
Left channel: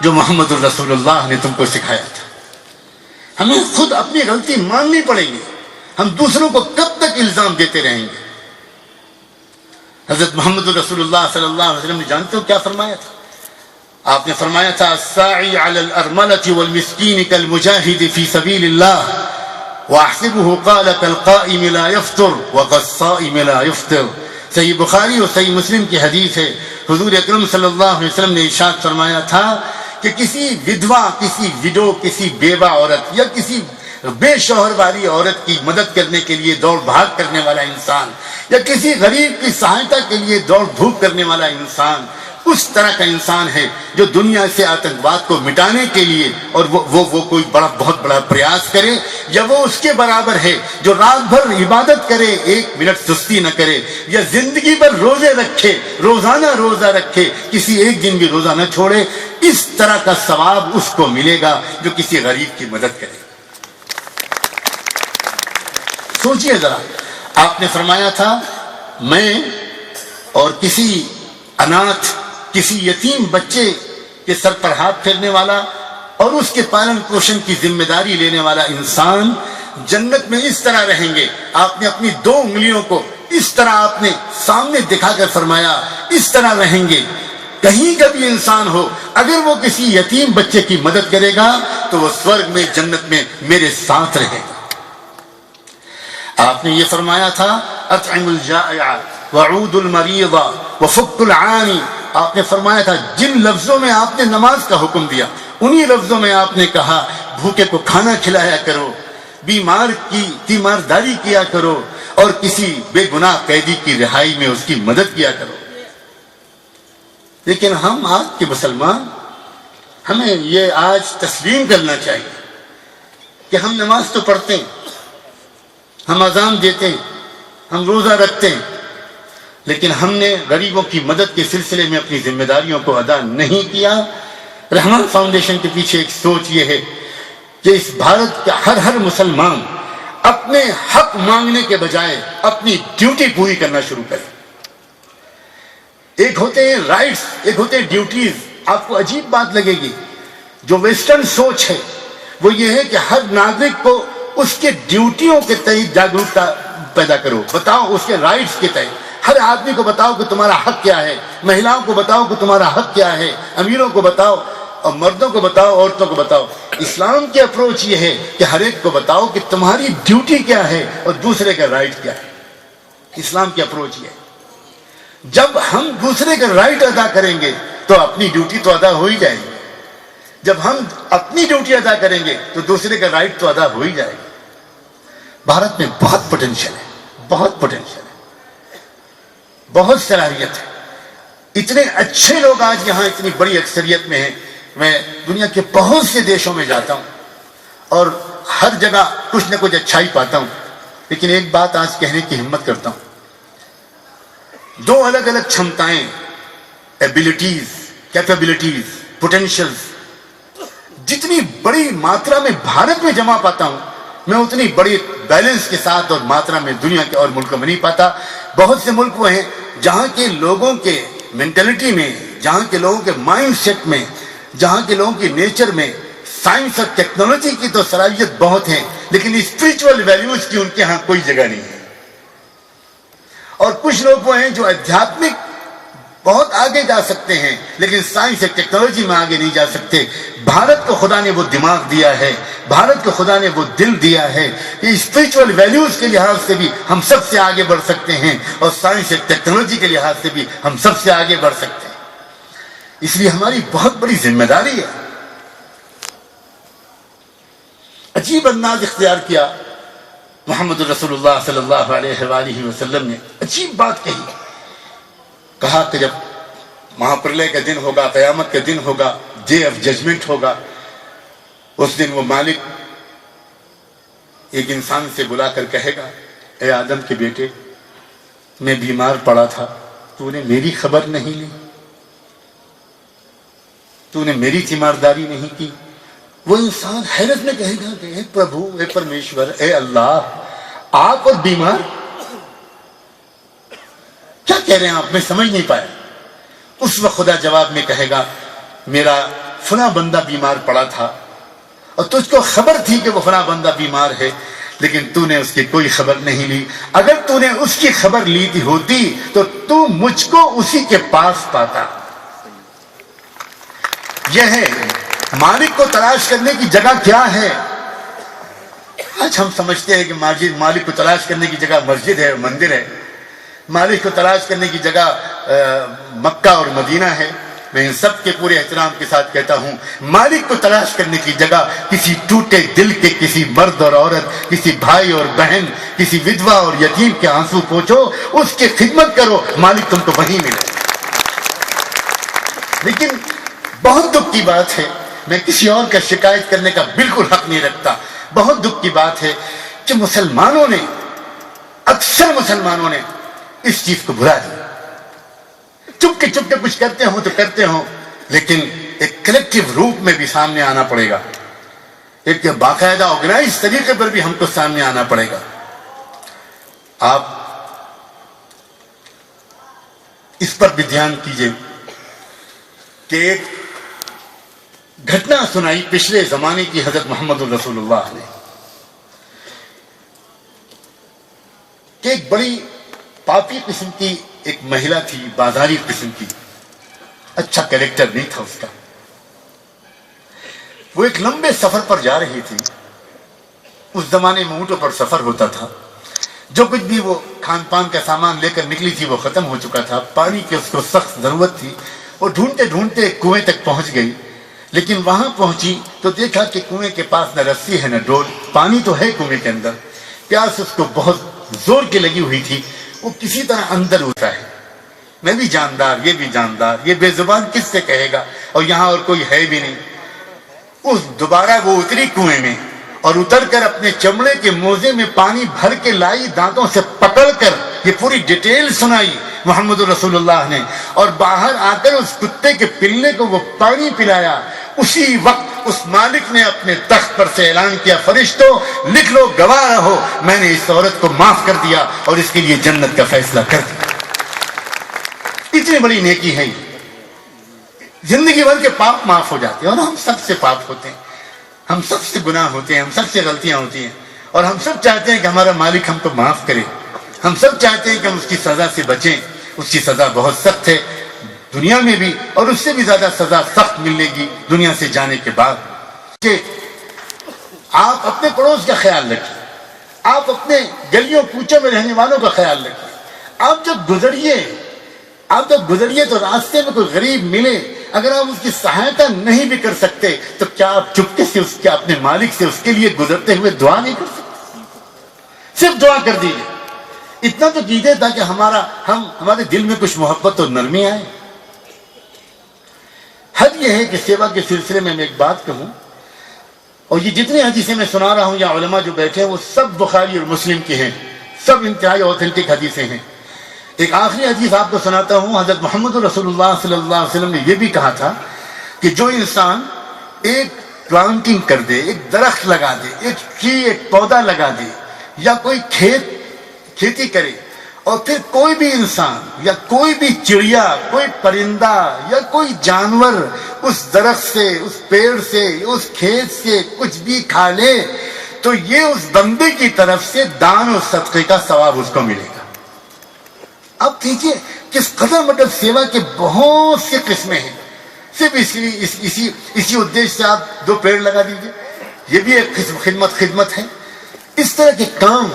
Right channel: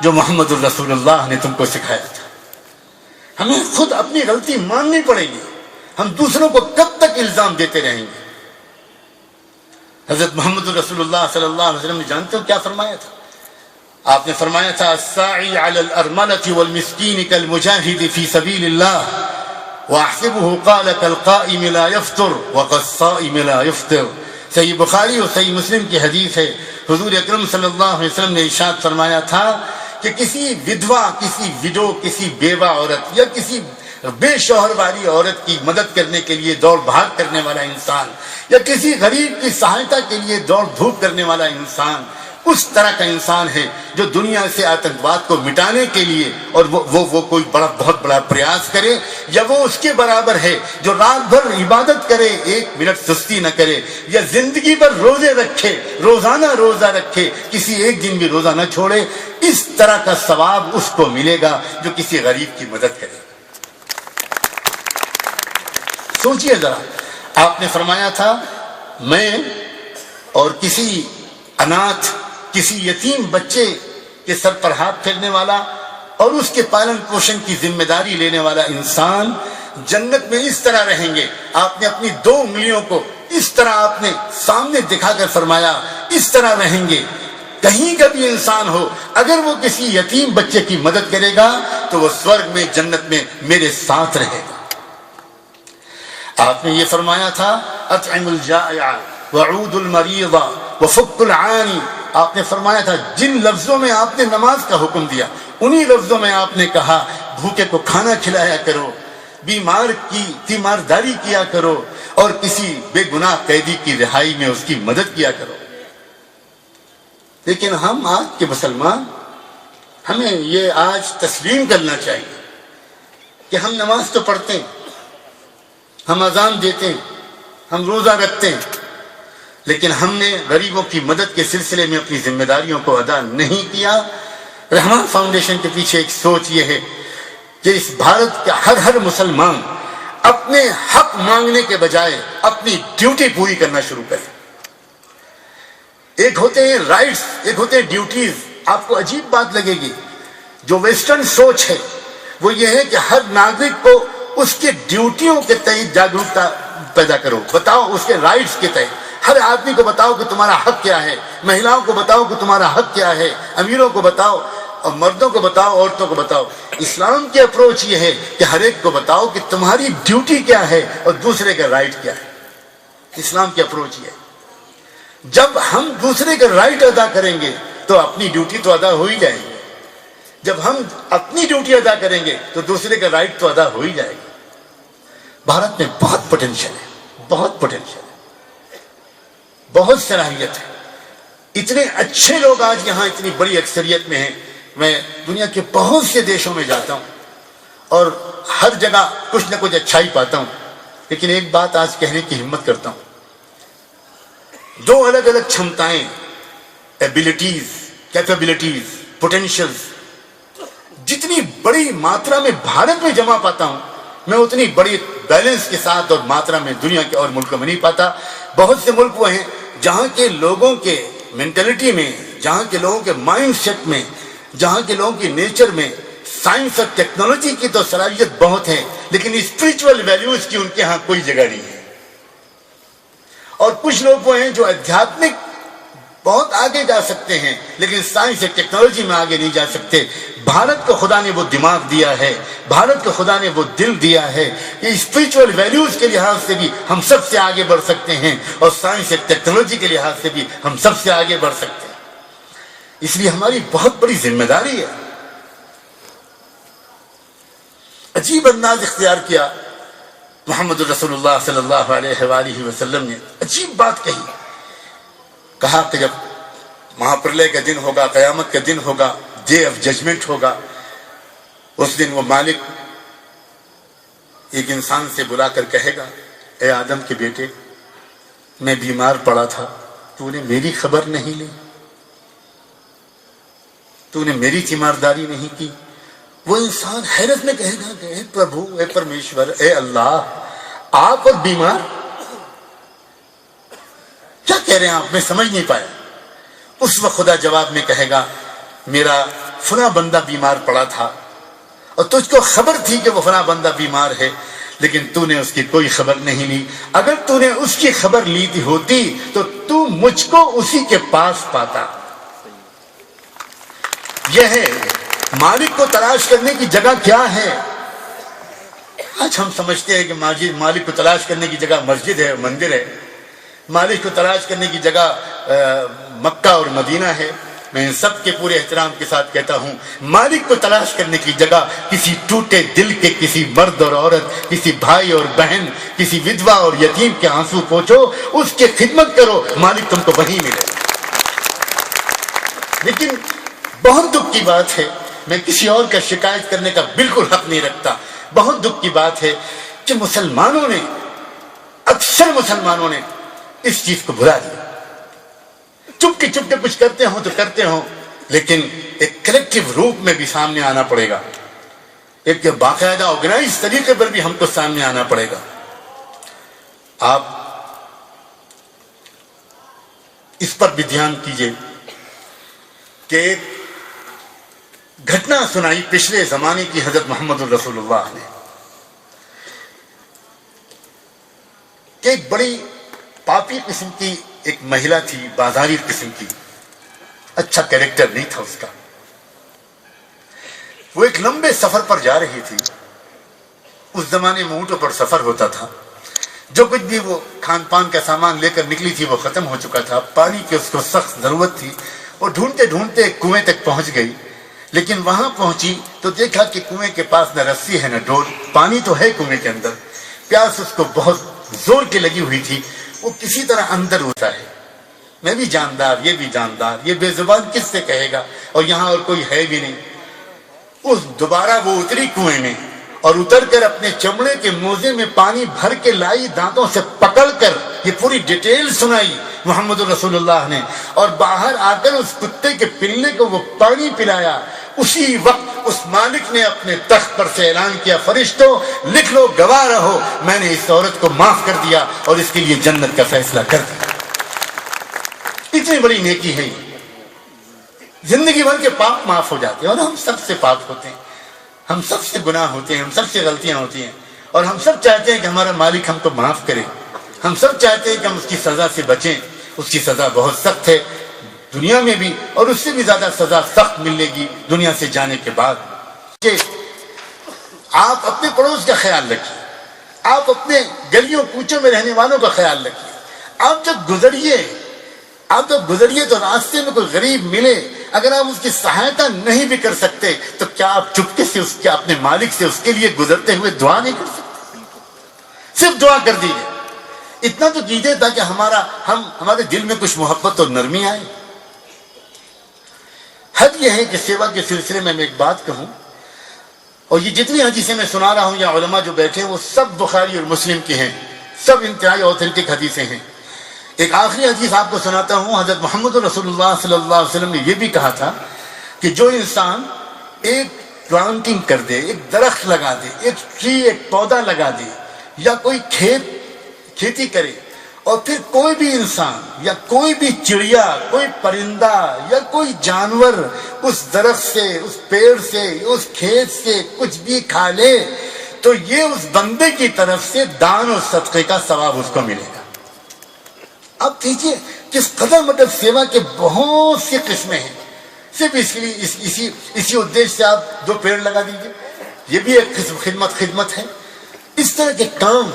جو محمد الرسول اللہ نے تم کو سکھایا تھا۔ ہمیں خود اپنی غلطی ماننی پڑے گی، ہم دوسروں کو کب تک الزام دیتے رہیں گے؟ حضرت محمد الرسول اللہ صلی اللہ علیہ وسلم نے جانتے ہو کیا فرمایا تھا؟ آپ نے فرمایا تھا الساعی علی الارملة والمسکین کالمجاہد فی سبیل اللہ واحسبه قال كالقائم لا يفطر وكالصائم لا يفطر۔ صحیح بخاری اور صحیح مسلم کی حدیث ہے، حضور اکرم صلی اللہ علیہ وسلم نے ارشاد فرمایا تھا کہ کسی ودھوا، کسی وڈو، کسی بیوہ عورت یا کسی بے شوہر والی عورت کی مدد کرنے کے لیے دوڑ بھاگ کرنے والا انسان، یا کسی غریب کی سہایتا کے لیے دوڑ بھوک کرنے والا انسان، اس طرح کا انسان ہے جو دنیا سے آتنکواد کو مٹانے کے لیے اور وہ کوئی بہت بڑا پریاس کرے، یا وہ اس کے برابر ہے جو رات بھر عبادت کرے، 1 منٹ سستی نہ کرے، یا زندگی بھر روزے رکھے، روزانہ روزہ رکھے، کسی ایک دن بھی روزہ نہ چھوڑے۔ اس طرح کا ثواب اس کو ملے گا جو کسی غریب کی مدد کرے۔ سوچئے ذرا، آپ نے فرمایا تھا میں اور کسی اناتھ، کسی یتیم بچے کے سر پر ہاتھ پھیرنے والا اور اس کے پالن پوشن کی ذمہ داری لینے والا انسان جنت میں اس طرح رہیں گے۔ آپ نے اپنی 2 انگلیوں کو اس طرح آپ نے سامنے دکھا کر فرمایا اس طرح رہیں گے۔ کہیں کا بھی انسان ہو، اگر وہ کسی یتیم بچے کی مدد کرے گا تو وہ سورگ میں، جنت میں میرے ساتھ رہے گا۔ آپ نے یہ فرمایا تھا اطعم الجائع وعود المریض وفک العانی۔ آپ نے فرمایا تھا جن لفظوں میں آپ نے نماز کا حکم دیا، انہی لفظوں میں آپ نے کہا بھوکے کو کھانا کھلایا کرو، بیمار کی تیمارداری کیا کرو، اور کسی بے گناہ قیدی کی رہائی میں اس کی مدد کیا کرو۔ لیکن ہم آج کے مسلمان، ہمیں یہ آج تسلیم کرنا چاہیے کہ ہم نماز تو پڑھتے ہیں، ہم اذان دیتے ہیں، ہم روزہ رکھتے ہیں، لیکن ہم نے غریبوں کی مدد کے سلسلے میں اپنی ذمہ داریوں کو ادا نہیں کیا۔ رحمان فاؤنڈیشن کے پیچھے ایک سوچ یہ ہے کہ اس بھارت کا ہر مسلمان اپنے حق مانگنے کے بجائے اپنی ڈیوٹی پوری کرنا شروع کرے۔ ایک ہوتے ہیں رائٹس، ایک ہوتے ہیں ڈیوٹیز۔ آپ کو عجیب بات لگے گی، جو ویسٹرن سوچ ہے وہ یہ ہے کہ ہر ناگرک کو اس کے ڈیوٹیوں کے تئیں جاگرکتا پیدا کرو، بتاؤ اس کے رائٹس کے تئیں۔ ہر آدمی کو بتاؤ کہ تمہارا حق کیا ہے، مہیلاؤں کو بتاؤ کہ تمہارا حق کیا ہے، امیروں کو بتاؤ اور مردوں کو بتاؤ، عورتوں کو بتاؤ۔ اسلام کی اپروچ یہ ہے کہ ہر ایک کو بتاؤ کہ تمہاری ڈیوٹی کیا ہے اور دوسرے کا رائٹ کیا ہے۔ اسلام کی اپروچ یہ ہے، جب ہم دوسرے کا رائٹ ادا کریں گے تو اپنی ڈیوٹی تو ادا ہو ہی جائے گی، جب ہم اپنی ڈیوٹی ادا کریں گے تو دوسرے کا رائٹ تو ادا ہو ہی جائے گا۔ بھارت میں بہت پوٹینشیل ہے، بہت پوٹینشیل ہے، بہت صلاحیت ہے۔ اتنے اچھے لوگ آج یہاں اتنی بڑی اکثریت میں ہیں۔ میں دنیا کے بہت سے دیشوں میں جاتا ہوں اور ہر جگہ کچھ نہ کچھ اچھائی پاتا ہوں، لیکن ایک بات آج کہنے کی ہمت کرتا ہوں، 2 الگ الگ چھمتائیں، ایبیلٹیز، کیپیبلٹیز، پوٹینشیلز جتنی بڑی ماترا میں بھارت میں جمع پاتا ہوں، میں اتنی بڑی بیلنس کے ساتھ اور ماترا میں دنیا کے اور ملکوں میں نہیں پاتا۔ بہت سے ملک وہ ہیں جہاں کے لوگوں کے مینٹلٹی میں، جہاں کے لوگوں کے مائنڈ سیٹ میں، جہاں کے لوگوں کی نیچر میں سائنس اور ٹیکنالوجی کی تو صلاحیت بہت ہے، لیکن اسپریچول ویلیوز کی ان کے ہاں کوئی جگہ نہیں ہے۔ اور کچھ لوگ وہ ہیں جو ادھیاتمک بہت آگے جا سکتے ہیں، لیکن سائنس اور ٹیکنالوجی میں آگے نہیں جا سکتے۔ بھارت کو خدا نے وہ دماغ دیا ہے، بھارت کو خدا نے وہ دل دیا ہے کہ اسپریچول ویلیوز کے لحاظ سے بھی ہم سب سے آگے بڑھ سکتے ہیں، اور سائنس اور ٹیکنالوجی کے لحاظ سے بھی ہم سب سے آگے بڑھ سکتے ہیں۔ اس لیے ہماری بہت بڑی ذمہ داری ہے۔ عجیب انداز اختیار کیا محمد رسول اللہ صلی اللہ علیہ وآلہ وسلم نے، عجیب بات کہی، کہا کہ جب مہاپرلے کا دن ہوگا، قیامت کا دن ہوگا، ڈے آف ججمنٹ ہوگا، اس دن وہ مالک ایک انسان سے بلا کر کہے گا، اے آدم کے بیٹے، میں بیمار پڑا تھا، تو نے میری خبر نہیں لی، تو نے میری تیمارداری نہیں کی۔ وہ انسان حیرت میں کہے گا کہ اے پربھو، اے پرمیشور، اے اللہ، آپ اور بیمار، کیا کہہ رہے ہیں آپ؟ میں سمجھ نہیں پایا۔ اس وقت خدا جواب میں کہے گا، میرا فلاں بندہ بیمار پڑا تھا اور تجھ کو خبر تھی کہ وہ فلاں بندہ بیمار ہے، لیکن تو نے اس کی کوئی خبر نہیں لی۔ اگر تو نے اس کی خبر لی ہوتی تو تو مجھ کو اسی کے پاس پاتا۔ یہ ہے مالک کو تلاش کرنے کی جگہ کیا ہے۔ آج ہم سمجھتے ہیں کہ مالک کو تلاش کرنے کی جگہ مسجد ہے، مندر ہے، مالک کو تلاش کرنے کی جگہ مکہ اور مدینہ ہے۔ میں ان سب کے پورے احترام کے ساتھ کہتا ہوں، مالک کو تلاش کرنے کی جگہ کسی ٹوٹے دل کے کسی مرد اور عورت، کسی بھائی اور بہن، کسی ودوا اور یتیم کے آنسو پوچھو، اس کی خدمت کرو، مالک تم کو وہیں ملے۔ لیکن بہت دکھ کی بات ہے، میں کسی اور کا شکایت کرنے کا بالکل حق نہیں رکھتا، بہت دکھ کی بات ہے کہ مسلمانوں نے، اکثر مسلمانوں نے اس چیز کو بھلا دیا۔ چپ کے کچھ کرتے ہوں تو کرتے ہوں، لیکن ایک کلیکٹیو روپ میں بھی سامنے آنا پڑے گا، ایک باقاعدہ آرگنائز طریقے پر بھی ہم کو سامنے آنا پڑے گا۔ آپ اس پر بھی دھیان کیجئے کہ ایک گھٹنا سنائی پچھلے زمانے کی حضرت محمد رسول اللہ نے، کہ ایک بڑی پاپی قسم کی ایک مہیلا تھی، بازاری قسم کی، اچھا کیریکٹر نہیں تھا اس کا۔ وہ ایک لمبے سفر پر جا رہی تھی، اس زمانے میں اونٹوں پر سفر ہوتا تھا، جو کچھ بھی وہ کھان پان کا سامان لے کر نکلی تھی وہ ختم ہو چکا تھا، پانی کی اس کو سخت ضرورت تھی۔ وہ ڈھونڈتے ڈھونڈتے کنویں تک پہنچ گئی، لیکن وہاں پہنچی تو دیکھا کہ کنویں کے پاس نہ رسی ہے نہ ڈول، پانی تو ہے کنویں کے اندر، پیاس اس کو بہت زور کی لگی ہوئی تھی، وہ کسی طرح اندر اترا ہے۔ میں بھی جاندار، یہ بھی جاندار، یہ بے زبان کس سے کہے گا، اور یہاں اور کوئی ہے بھی نہیں۔ دوبارہ وہ اتری کنویں میں اور اتر کر اپنے چمڑے کے موزے میں پانی بھر کے لائی، دانتوں سے پکڑ کر، یہ پوری ڈیٹیل سنائی محمد رسول اللہ نے، اور باہر آ کر اس کتے کے پلے کو وہ پانی پلایا۔ اسی وقت اس مالک نے اپنے تخت پر سے اعلان کیا، فرشتوں لکھ لو، گواہ رہو، میں نے اس عورت کو معاف کر دیا اور اس کے لیے جنت کا فیصلہ کر دیا۔ اتنی بڑی نیکی ہے یہ، زندگی بھر کے پاپ معاف ہو جاتے ہیں، اور ہم سب سے پاپ ہوتے ہیں، ہم سب سے گناہ ہوتے ہیں، ہم سب سے غلطیاں ہوتی ہیں، اور ہم سب چاہتے ہیں کہ ہمارا مالک ہم کو معاف کرے، ہم سب چاہتے ہیں کہ ہم اس کی سزا سے بچیں۔ اس کی سزا بہت سخت ہے دنیا میں بھی، اور اس سے بھی زیادہ سزا سخت ملے گی دنیا سے جانے کے بعد۔ کہ آپ اپنے پڑوس کا خیال رکھیے، آپ اپنے گلیوں کوچوں میں رہنے والوں کا خیال رکھیے۔ آپ جب گزریے تو راستے میں کوئی غریب ملے، اگر آپ اس کی سہایتا نہیں بھی کر سکتے تو کیا آپ چپکے سے اس کے اپنے مالک سے اس کے لیے گزرتے ہوئے دعا نہیں کر سکتے؟ صرف دعا کر دیجیے، اتنا تو کیجیے تاکہ ہمارے دل میں کچھ محبت اور نرمی آئے۔ حد یہ ہے کہ سیوا کے سلسلے میں ایک بات کہوں، اور یہ جتنی حدیثیں میں سنا رہا ہوں یا علماء جو بیٹھے ہیں وہ سب بخاری اور مسلم کے ہیں، سب انتہائی اوتھینٹک حدیثیں ہیں۔ ایک آخری حدیث آپ کو سناتا ہوں، حضرت محمد رسول اللہ صلی اللہ علیہ وسلم نے یہ بھی کہا تھا کہ جو انسان ایک پلانٹنگ کر دے، ایک درخت لگا دے، ایک پودا لگا دے، یا کوئی کھیتی کرے، اور پھر کوئی بھی انسان یا کوئی بھی چڑیا، کوئی پرندہ یا کوئی جانور اس درخت سے، اس پیڑ سے، اس کھیت سے کچھ بھی کھا لے تو یہ اس بندے کی طرف سے دان اور صدقے کا ثواب اس کو ملے گا۔ اب دیکھیے کس قدر مطلب سیوا کے بہت سی قسمیں ہیں. صرف اسی ادیش سے آپ 2 پیڑ لگا دیجئے، یہ بھی ایک قسم خدمت ہے. اس طرح کے کام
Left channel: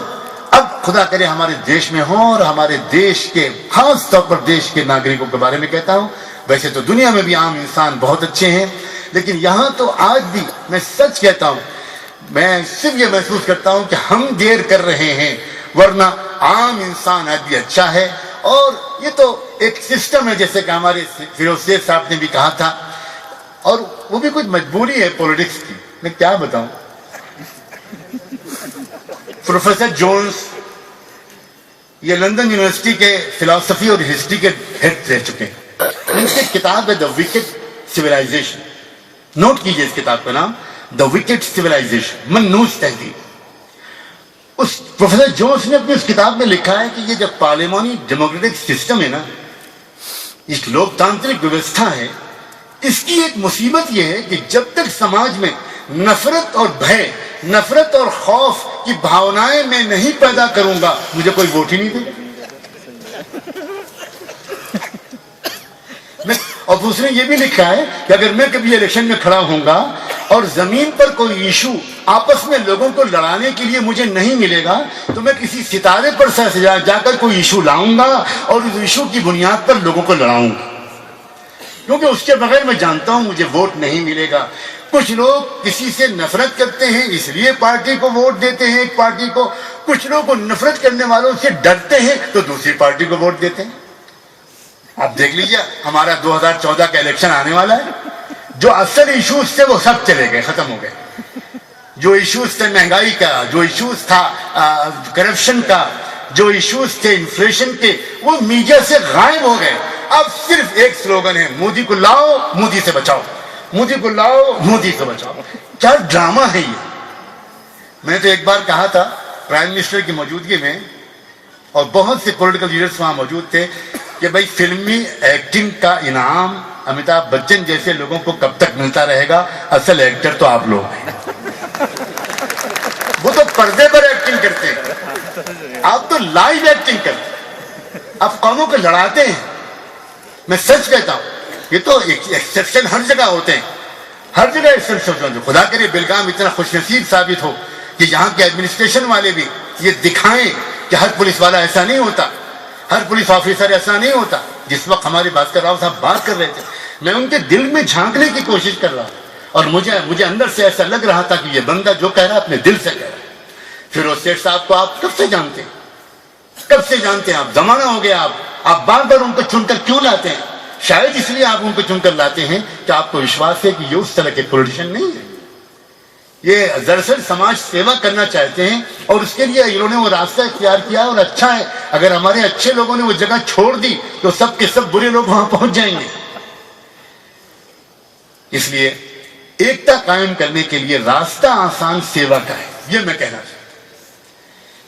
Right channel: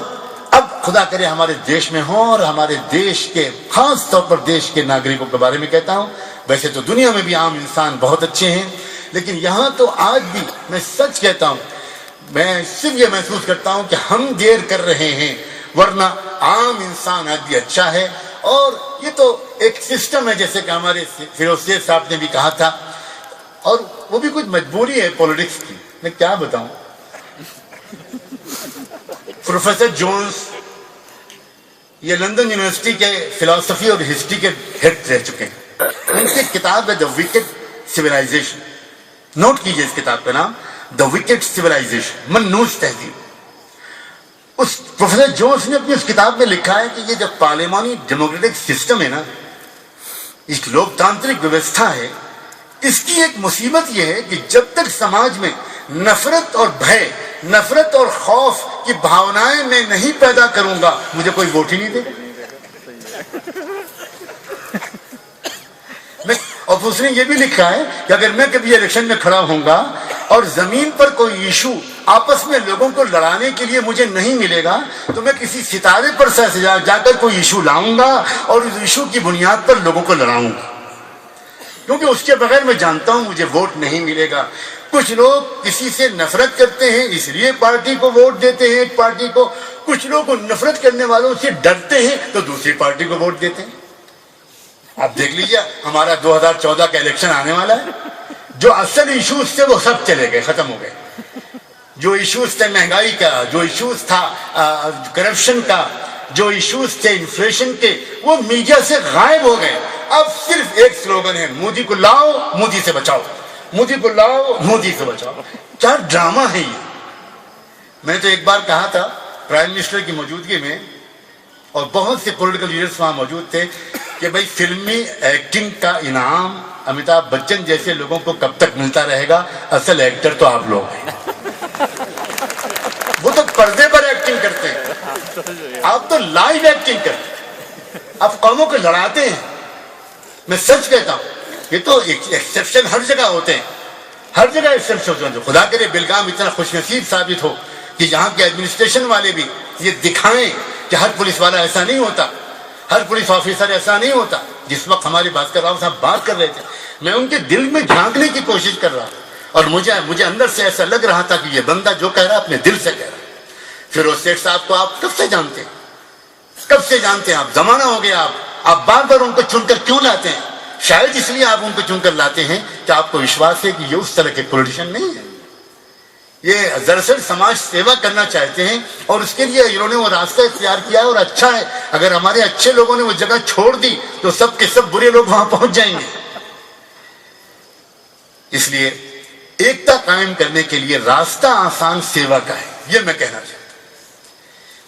اب خدا کرے ہمارے دیش میں ہوں، اور ہمارے دیش کے خاص طور پر دیش کے ناگرکوں کے بارے میں کہتا ہوں. ویسے تو دنیا میں بھی عام انسان بہت اچھے ہیں، لیکن یہاں تو آج بھی میں سچ کہتا ہوں، میں صرف یہ محسوس کرتا ہوں کہ ہم دیر کر رہے ہیں، ورنہ عام انسان آج بھی اچھا ہے. اور یہ تو ایک سسٹم ہے، جیسے کہ ہمارے فیروز شیخ صاحب نے بھی کہا تھا، اور وہ بھی کچھ مجبوری ہے پولیٹکس کی. میں کیا بتاؤں، پروفیسر جونز یہ لندن یونیورسٹی کے فلسفی اور ہسٹری کے ہیڈ رہ چکے ہیں. ان کی کتاب ہے دا وکڈ سویلائزیشن. نوٹ کیجئے اس کتاب کا نام دا وکڈ سویلائزیشن، منحوس تہذیب. اس پروفیسر جونز نے اپنی اس کتاب میں لکھا ہے کہ یہ جو پارلیمانی ڈیموکریٹک سسٹم ہے نا، ایک لوکتانترک ویوستھا ہے، اس کی ایک مصیبت یہ ہے کہ جب تک سماج میں نفرت اور بھے، نفرت اور خوف کی بھاونائیں میں نہیں پیدا کروں گا، مجھے کوئی ووٹ ہی نہیں دے گا. اور دوسرے یہ بھی لکھا ہے کہ اگر میں کبھی الیکشن میں کھڑا ہوں گا اور زمین پر کوئی ایشو آپس میں لوگوں کو لڑانے کے لیے مجھے نہیں ملے گا، تو میں کسی ستارے پر جا کر کوئی ایشو لاؤں گا اور اس ایشو کی بنیاد پر لوگوں کو لڑاؤں گا، کیونکہ اس کے بغیر میں جانتا ہوں مجھے ووٹ نہیں ملے گا. کچھ لوگ کسی سے نفرت کرتے ہیں اس لیے پارٹی کو ووٹ دیتے ہیں ایک پارٹی کو، کچھ لوگ نفرت کرنے والوں سے ڈرتے ہیں تو دوسری پارٹی کو ووٹ دیتے ہیں. آپ دیکھ لیجیے ہمارا 2014 کا الیکشن آنے والا ہے، جو اصل ایشوز تھے وہ سب چلے گئے، ختم ہو گئے. جو ایشوز تھے مہنگائی کا، جو ایشوز تھا کرپشن کا، جو ایشوز تھے انفلیشن کے، وہ میڈیا سے غائب ہو گئے. اب صرف ایک سلوگن ہے، مودی کو لاؤ مودی سے بچاؤ، مودی کو لاؤ مودی سے بچاؤ. کیا ڈرامہ ہے یہ. میں تو ایک بار کہا تھا پرائم منسٹر کی موجودگی میں، اور بہت سے پولیٹیکل لیڈرز وہاں موجود تھے، کہ بھائی فلمی ایکٹنگ کا انعام امیتابھ بچن جیسے لوگوں کو کب تک ملتا رہے گا، اصل ایکٹر تو آپ لوگ ہیں. وہ تو پردے پر ایکٹنگ کرتے ہیں، آپ تو لائیو ایکٹنگ کرتے ہیں، آپ قوموں کو لڑاتے ہیں. میں سچ کہتا ہوں، یہ تو ایکسیپشن ہر جگہ ہوتے ہیں، ہر جگہ ایکسیپشن ہوتے ہیں. خدا کرے بیلگام اتنا خوش نصیب ثابت ہو کہ یہاں کے ایڈمنسٹریشن والے بھی یہ دکھائیں کہ ہر پولیس والا ایسا نہیں ہوتا، ہر پولیس آفیسر ایسا نہیں ہوتا. جس وقت ہمارے بھاسکر راؤ صاحب بات کر رہے تھے، میں ان کے دل میں جھانکنے کی کوشش کر رہا تھا، اور مجھے اندر سے ایسا لگ رہا تھا کہ یہ بندہ جو کہہ رہا ہے اپنے دل سے کہہ رہا ہے. فیروز شیخ صاحب کو آپ کب سے جانتے ہیں، کب سے جانتے ہیں آپ، زمانہ ہو گیا. آپ بار بار ان کو چن کر کیوں لاتے ہیں؟ شاید اس لیے آپ ان کو چن کر لاتے ہیں کہ آپ کو وشواس ہے کہ یہ اس طرح کے پولیٹیشین نہیں ہے. یہ دراصل سماج سیوا کرنا چاہتے ہیں، اور اس کے لیے انہوں نے وہ راستہ اختیار کیا، اور اچھا ہے. اگر ہمارے اچھے لوگوں نے وہ جگہ چھوڑ دی تو سب کے سب برے لوگ وہاں پہنچ جائیں گے. اس لیے ایکتا قائم کرنے کے لیے راستہ آسان سیوا کا ہے، یہ میں کہنا چاہتا ہوں.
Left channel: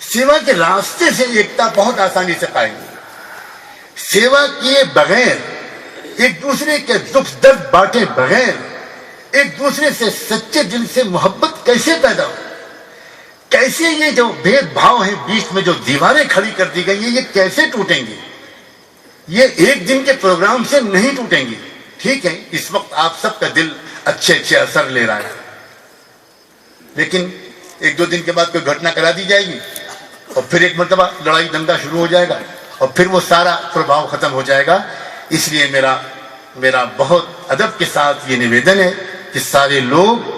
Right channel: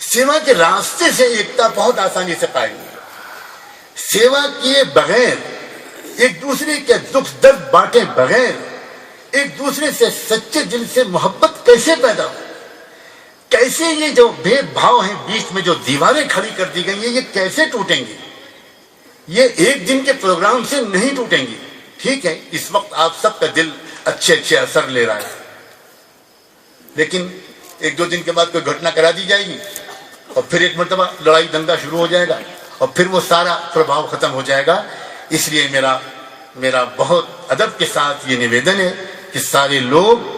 سیوا کے راستے سے ایکتا بہت آسانی سے قائم ہوگی. سیوا کیے بغیر، ایک دوسرے کے دکھ درد بانٹے بغیر، ایک دوسرے سے سچے دل سے محبت کیسے پیدا ہو؟ کیسے یہ جو بھید بھاؤ ہیں، بیچ میں جو دیواریں کھڑی کر دی گئی ہیں، یہ کیسے ٹوٹیں گی؟ یہ ایک دن کے پروگرام سے نہیں ٹوٹیں گی. ٹھیک ہے اس وقت آپ سب کا دل اچھے اثر لے رہا ہے، لیکن ایک دو دن کے بعد کوئی گھٹنا کرا دی جائے گی، اور پھر ایک مرتبہ لڑائی دنگا شروع ہو جائے گا، اور پھر وہ سارا پربھاؤ ختم ہو جائے گا. اس لیے میرا بہت ادب کے ساتھ یہ نویدن ہے کہ سارے لوگ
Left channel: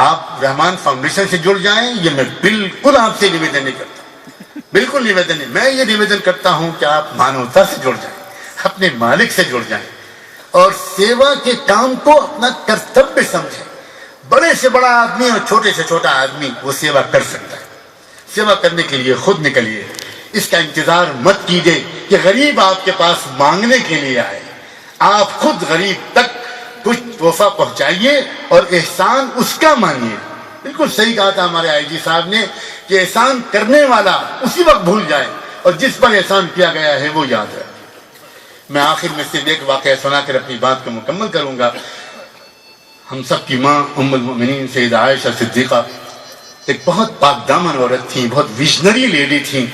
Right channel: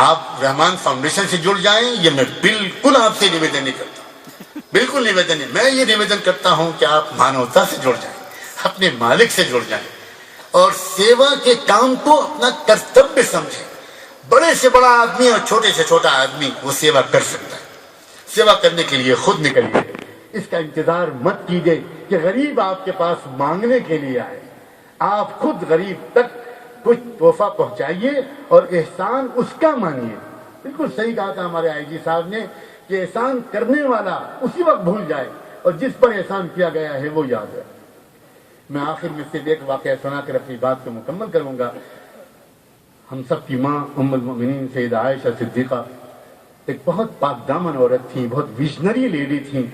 آپ رحمان فاؤنڈیشن سے جڑ جائیں. یہ میں بالکل آپ سے نویدن نہیں کرتا، بالکل نویدن نہیں. میں یہ نویدن کرتا ہوں کہ آپ مانوتا سے جڑ جائیں، اپنے مالک سے جڑ جائیں، اور سیوا کے کام کو اپنا کرتویہ سمجھیں. بڑے سے بڑا آدمی اور چھوٹے سے چھوٹا آدمی وہ سیوا کر سکتا ہے. سیوا کرنے کے لیے خود نکلیے. اس کا انتظار مت کیجیے کہ غریب آپ کے پاس مانگنے کے لیے آئے. آپ خود غریب تک کچھ تحفہ پہنچائیے اور احسان اس کا مانیے. بالکل صحیح کہا تھا ہمارے آئی جی صاحب نے کہ احسان کرنے والا اسی وقت بھول جائے اور جس پر احسان کیا گیا ہے وہ یاد رہے. میں آخر میں صرف ایک واقعہ سنا کر اپنی بات کو مکمل کروں گا. ہم سب کی ماں ام المؤمنین سیدہ عائشہ صدیقہ ایک بہت پاک دامن عورت تھیں، بہت ویژنری لیڈی تھیں.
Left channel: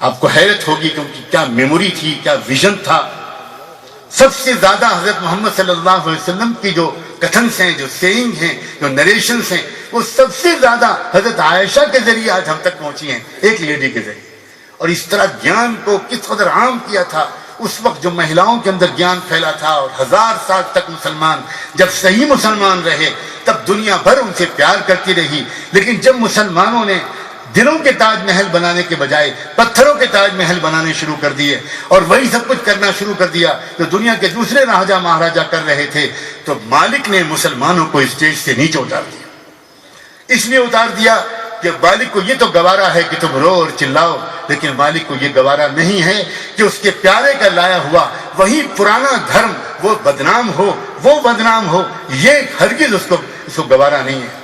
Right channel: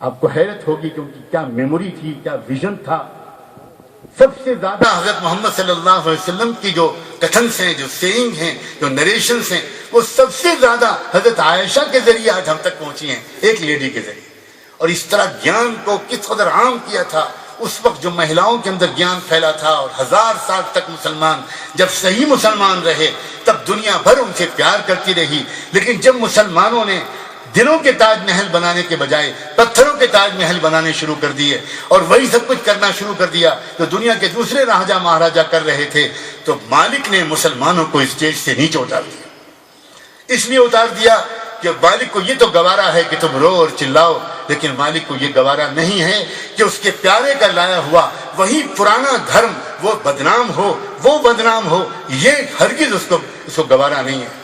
آپ کو حیرت ہوگی کہ ان کی کیا میموری تھی، کیا ویژن تھا۔ سب سے زیادہ حضرت محمد صلی اللہ علیہ وسلم کی جو کتھنس ہیں، جو سیئنگ ہیں، جو نریشنز ہیں، وہ سب سے زیادہ حضرت عائشہ کے ذریعے آج ہم تک پہنچی ہیں، ایک لیڈی کے ذریعے۔ اور اس طرح گیان کو کس قدر عام کیا تھا اس وقت، جو مہیلاؤں کے اندر گیان پھیلا تھا، اور 1000 سال تک مسلمان جب صحیح مسلمان رہے تب دنیا بھر ان سے پیار کرتی رہی۔ لیکن جب مسلمانوں نے دلوں کے تاج محل بنانے کے بجائے پتھروں کے تاج محل بنانے شروع کر دیے اور وہی سب کچھ کرنا شروع کر دیا جو دنیا کے دوسرے راجا مہاراجا کر رہے تھے، تو مالک نے مسلمانوں کو اسٹیج سے نیچے اتار دیا۔ اس لیے اتار دیا کہ مالک کو یہ تو گوارا ہے کہ تم رو اور چلاؤ، لیکن مالک کو یہ گوارا نہیں ہے کہ اس کے پیارے کا لایا ہوا وہی پرانا دھرم وہ بدنام ہو، یہ ہرگز اس کو گوارا نہیں ہے۔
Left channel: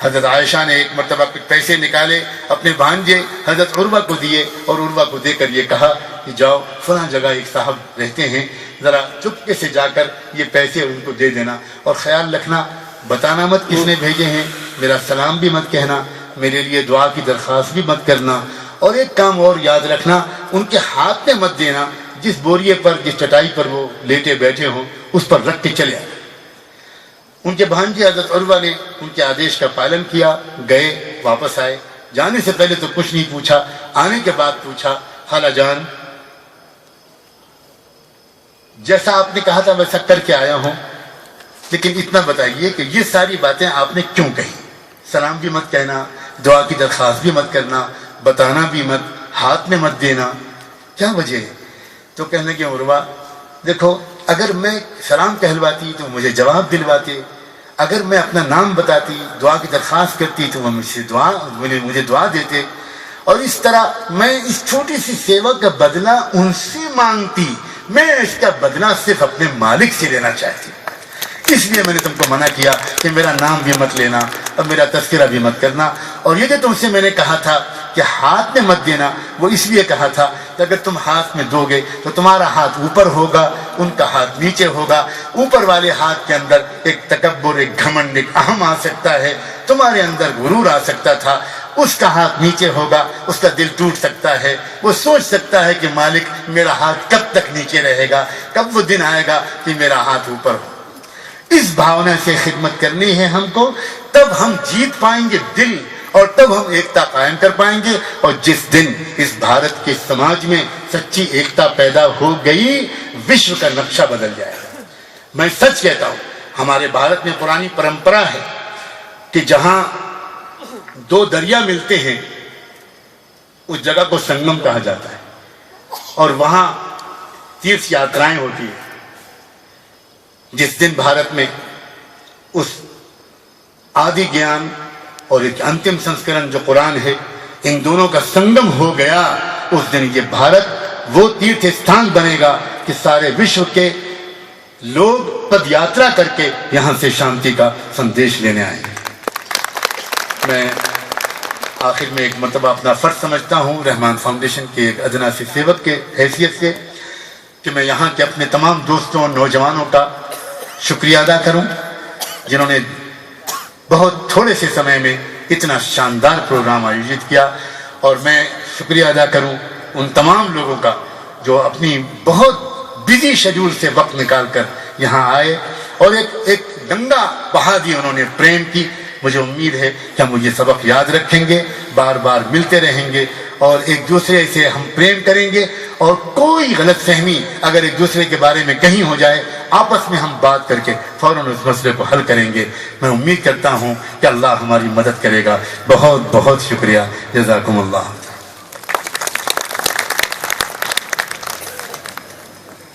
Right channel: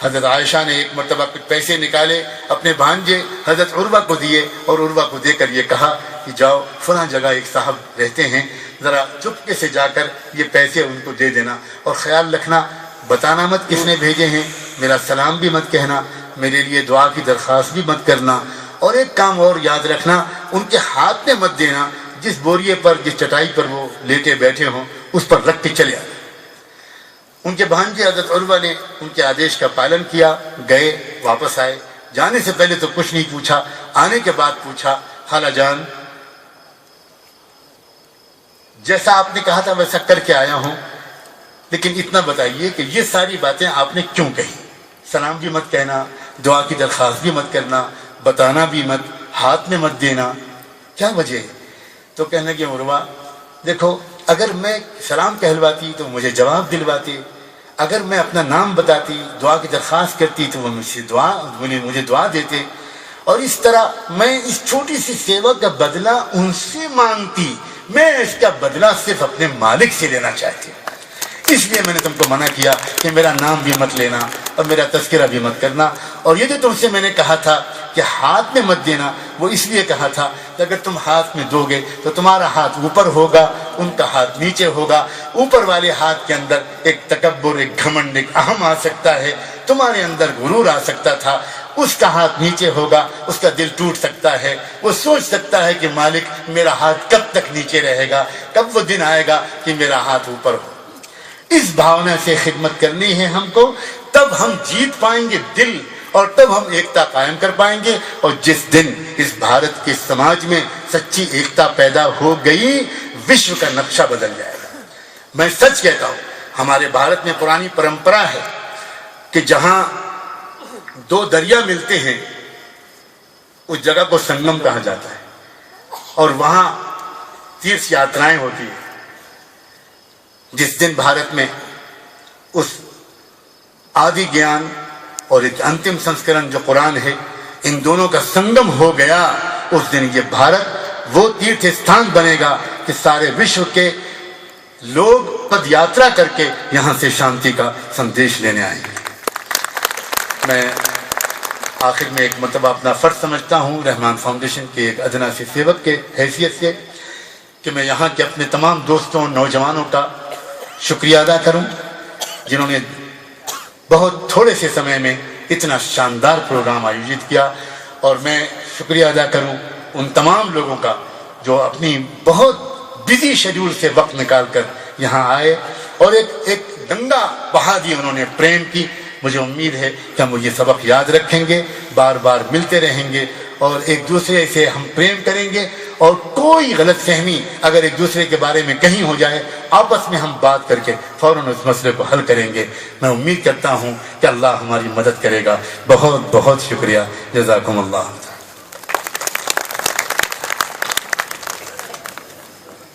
حضرت عائشہ نے ایک مرتبہ پیسے نکالے، اپنے بھانجے حضرت عروہ کو دیے، اور عروہ کو دے کر یہ کہا کہ جاؤ فلاں جگہ ایک صاحب رہتے ہیں، ذرا چپکے سے جا کر یہ پیسے ان کو دے دینا، اور خیال رکھنا بتانا مت کس نے بھیجے ہیں، میرا سلام بھی مت کہنا، میرے لیے دعا کی درخواست بھی مت کرنا، اور ایک کام اور یاد رکھنا، ان کے ہاتھ میں مت دینا، جس بوریے پر، جس چٹائی پر وہ لیٹے بیٹھے ہوں اس پر رکھ کے چلے آئے۔ ان کے بھانجے حضرت عروہ نے ان کے آدیش کا پالن کیا، گئے، واپس آئے۔ جانے سے پہلے تو کچھ نہیں پوچھا، آنے کے بعد پوچھا، خالہ جان جیسا آپ نے کہا تھا ویسا کر کے آیا ہوں، لیکن اتنا بتائیے کہ یہ ساری باتیں آپ نے کیوں کہی؟ سلام بھی مت کہنا، دعا کی درخواست بھی مت کرنا، بتانا بھی مت، ہاتھ میں مت دینا، کیا وجہ ہے؟ تو کہنے لگے عروہ دیکھو، اگر میں سلام کہلواتی تو مجھے جواب دلواتے، اگر میں اپنا نام بتاتی، دعا کی درخواست کرتی تو وہ مجھے دعا دیتے، اور اس طرح میں اس چھوٹی سی سیوا کا بدلہ ان سے مانگتی، میں اس کا بدلہ صرف اپنے مالک سے لینا چاہتی، اس لیے میں نے تم کو منع کیا کہ میرا نام بھی مت لینا اور میرا تذکرہ بھی مت کرنا۔ اور یہ جو تم سے میں نے کہا تھا کہ ہاتھ میں مت دینا، وہ اس لیے کہا تھا کہ اگر تم ہاتھ میں دو گے تو تمہارا ہاتھ اوپر ہوگا، ان کا ہاتھ نیچے ہوگا، اوپر والے ہاتھ کے اندر ایک تکبر، ایک گھمنڈ، ایک اہم آ سکتا ہے، تمہارے اندر غرور آ سکتا تھا، اس کا ہاتھ نیچے ہوگا، اس کا دل ٹوٹ سکتا ہے، وہ سوچ سکتا ہے کہ مالک میرا ہاتھ کب تک نیچے رہے گا، کب وہ دن آئے گا کہ میرا ہاتھ اوپر ہو۔ اس بھاونا سے خدمت کرنی ہے ہم کو، تب ہم جیت پائیں گے دل، اور تب ہم ایکتا قائم کر پائیں گے، اور جس دن اس بھارت کے سماج میں سچی ایکتا پیدا ہو گئی، وشو کا نقشہ بدل جائے گا۔ میں سچ کہتا ہوں، ہمارے بھارت میں پرانی پرمپرا ہے کہ جہاں دو دریا ملتے ہیں اس جگہ کو سنگم کہا جاتا ہے، اور وہاں تیرتھ یاترائیں ہوتی ہیں۔ جس دن بھارت میں اس آدی گیان اور ایک انتم سنسکرن جو قرآن ہے، ان دونوں کا سنگم ہو گیا، اس دن یہ بھارت وہ تیرتھ استھان بنے گا کہ سارے وشو کے لوگ پد یاترا کر کے یہاں سے شانتی کا سندیش لینے آئیں گے۔ میں آخر میں ایک مرتبہ اپنا فرض سمجھتا ہوں رحمان فاؤنڈیشن کے ایک ادنا سے سیوک کے حیثیت سے کہ میں یہاں کے اپنے تمام دوستوں اور نوجوانوں کا شکریہ ادا کروں، جنہوں نے بہت تھوڑے سے سمے میں اتنا شاندار پروگرام آیوجت کیا، اور میں شکریہ ادا کروں ان تمام لوگوں کا جو اپنی بہت بزی شیڈیول سے وقت نکال کر یہاں آئے اور ایک گنگا بہا دی انہوں نے پریم کی۔ مجھے امید ہے کہ ہم یہ سبق یاد رکھیں گے، بار بار ملتے رہیں گے اور ایک دوسرے سے ہم پریم کریں گے، اور کوئی غلط فہمی اگر ایک دوسرے کے بارے میں کہیں ہو جائے آپس میں ہم بات کر کے فوراً اس مسئلے کو حل کریں گے۔ میں امید کرتا ہوں کہ اللہ ہماری مدد کرے گا۔ بہت بہت شکریہ، جزاکم اللہ۔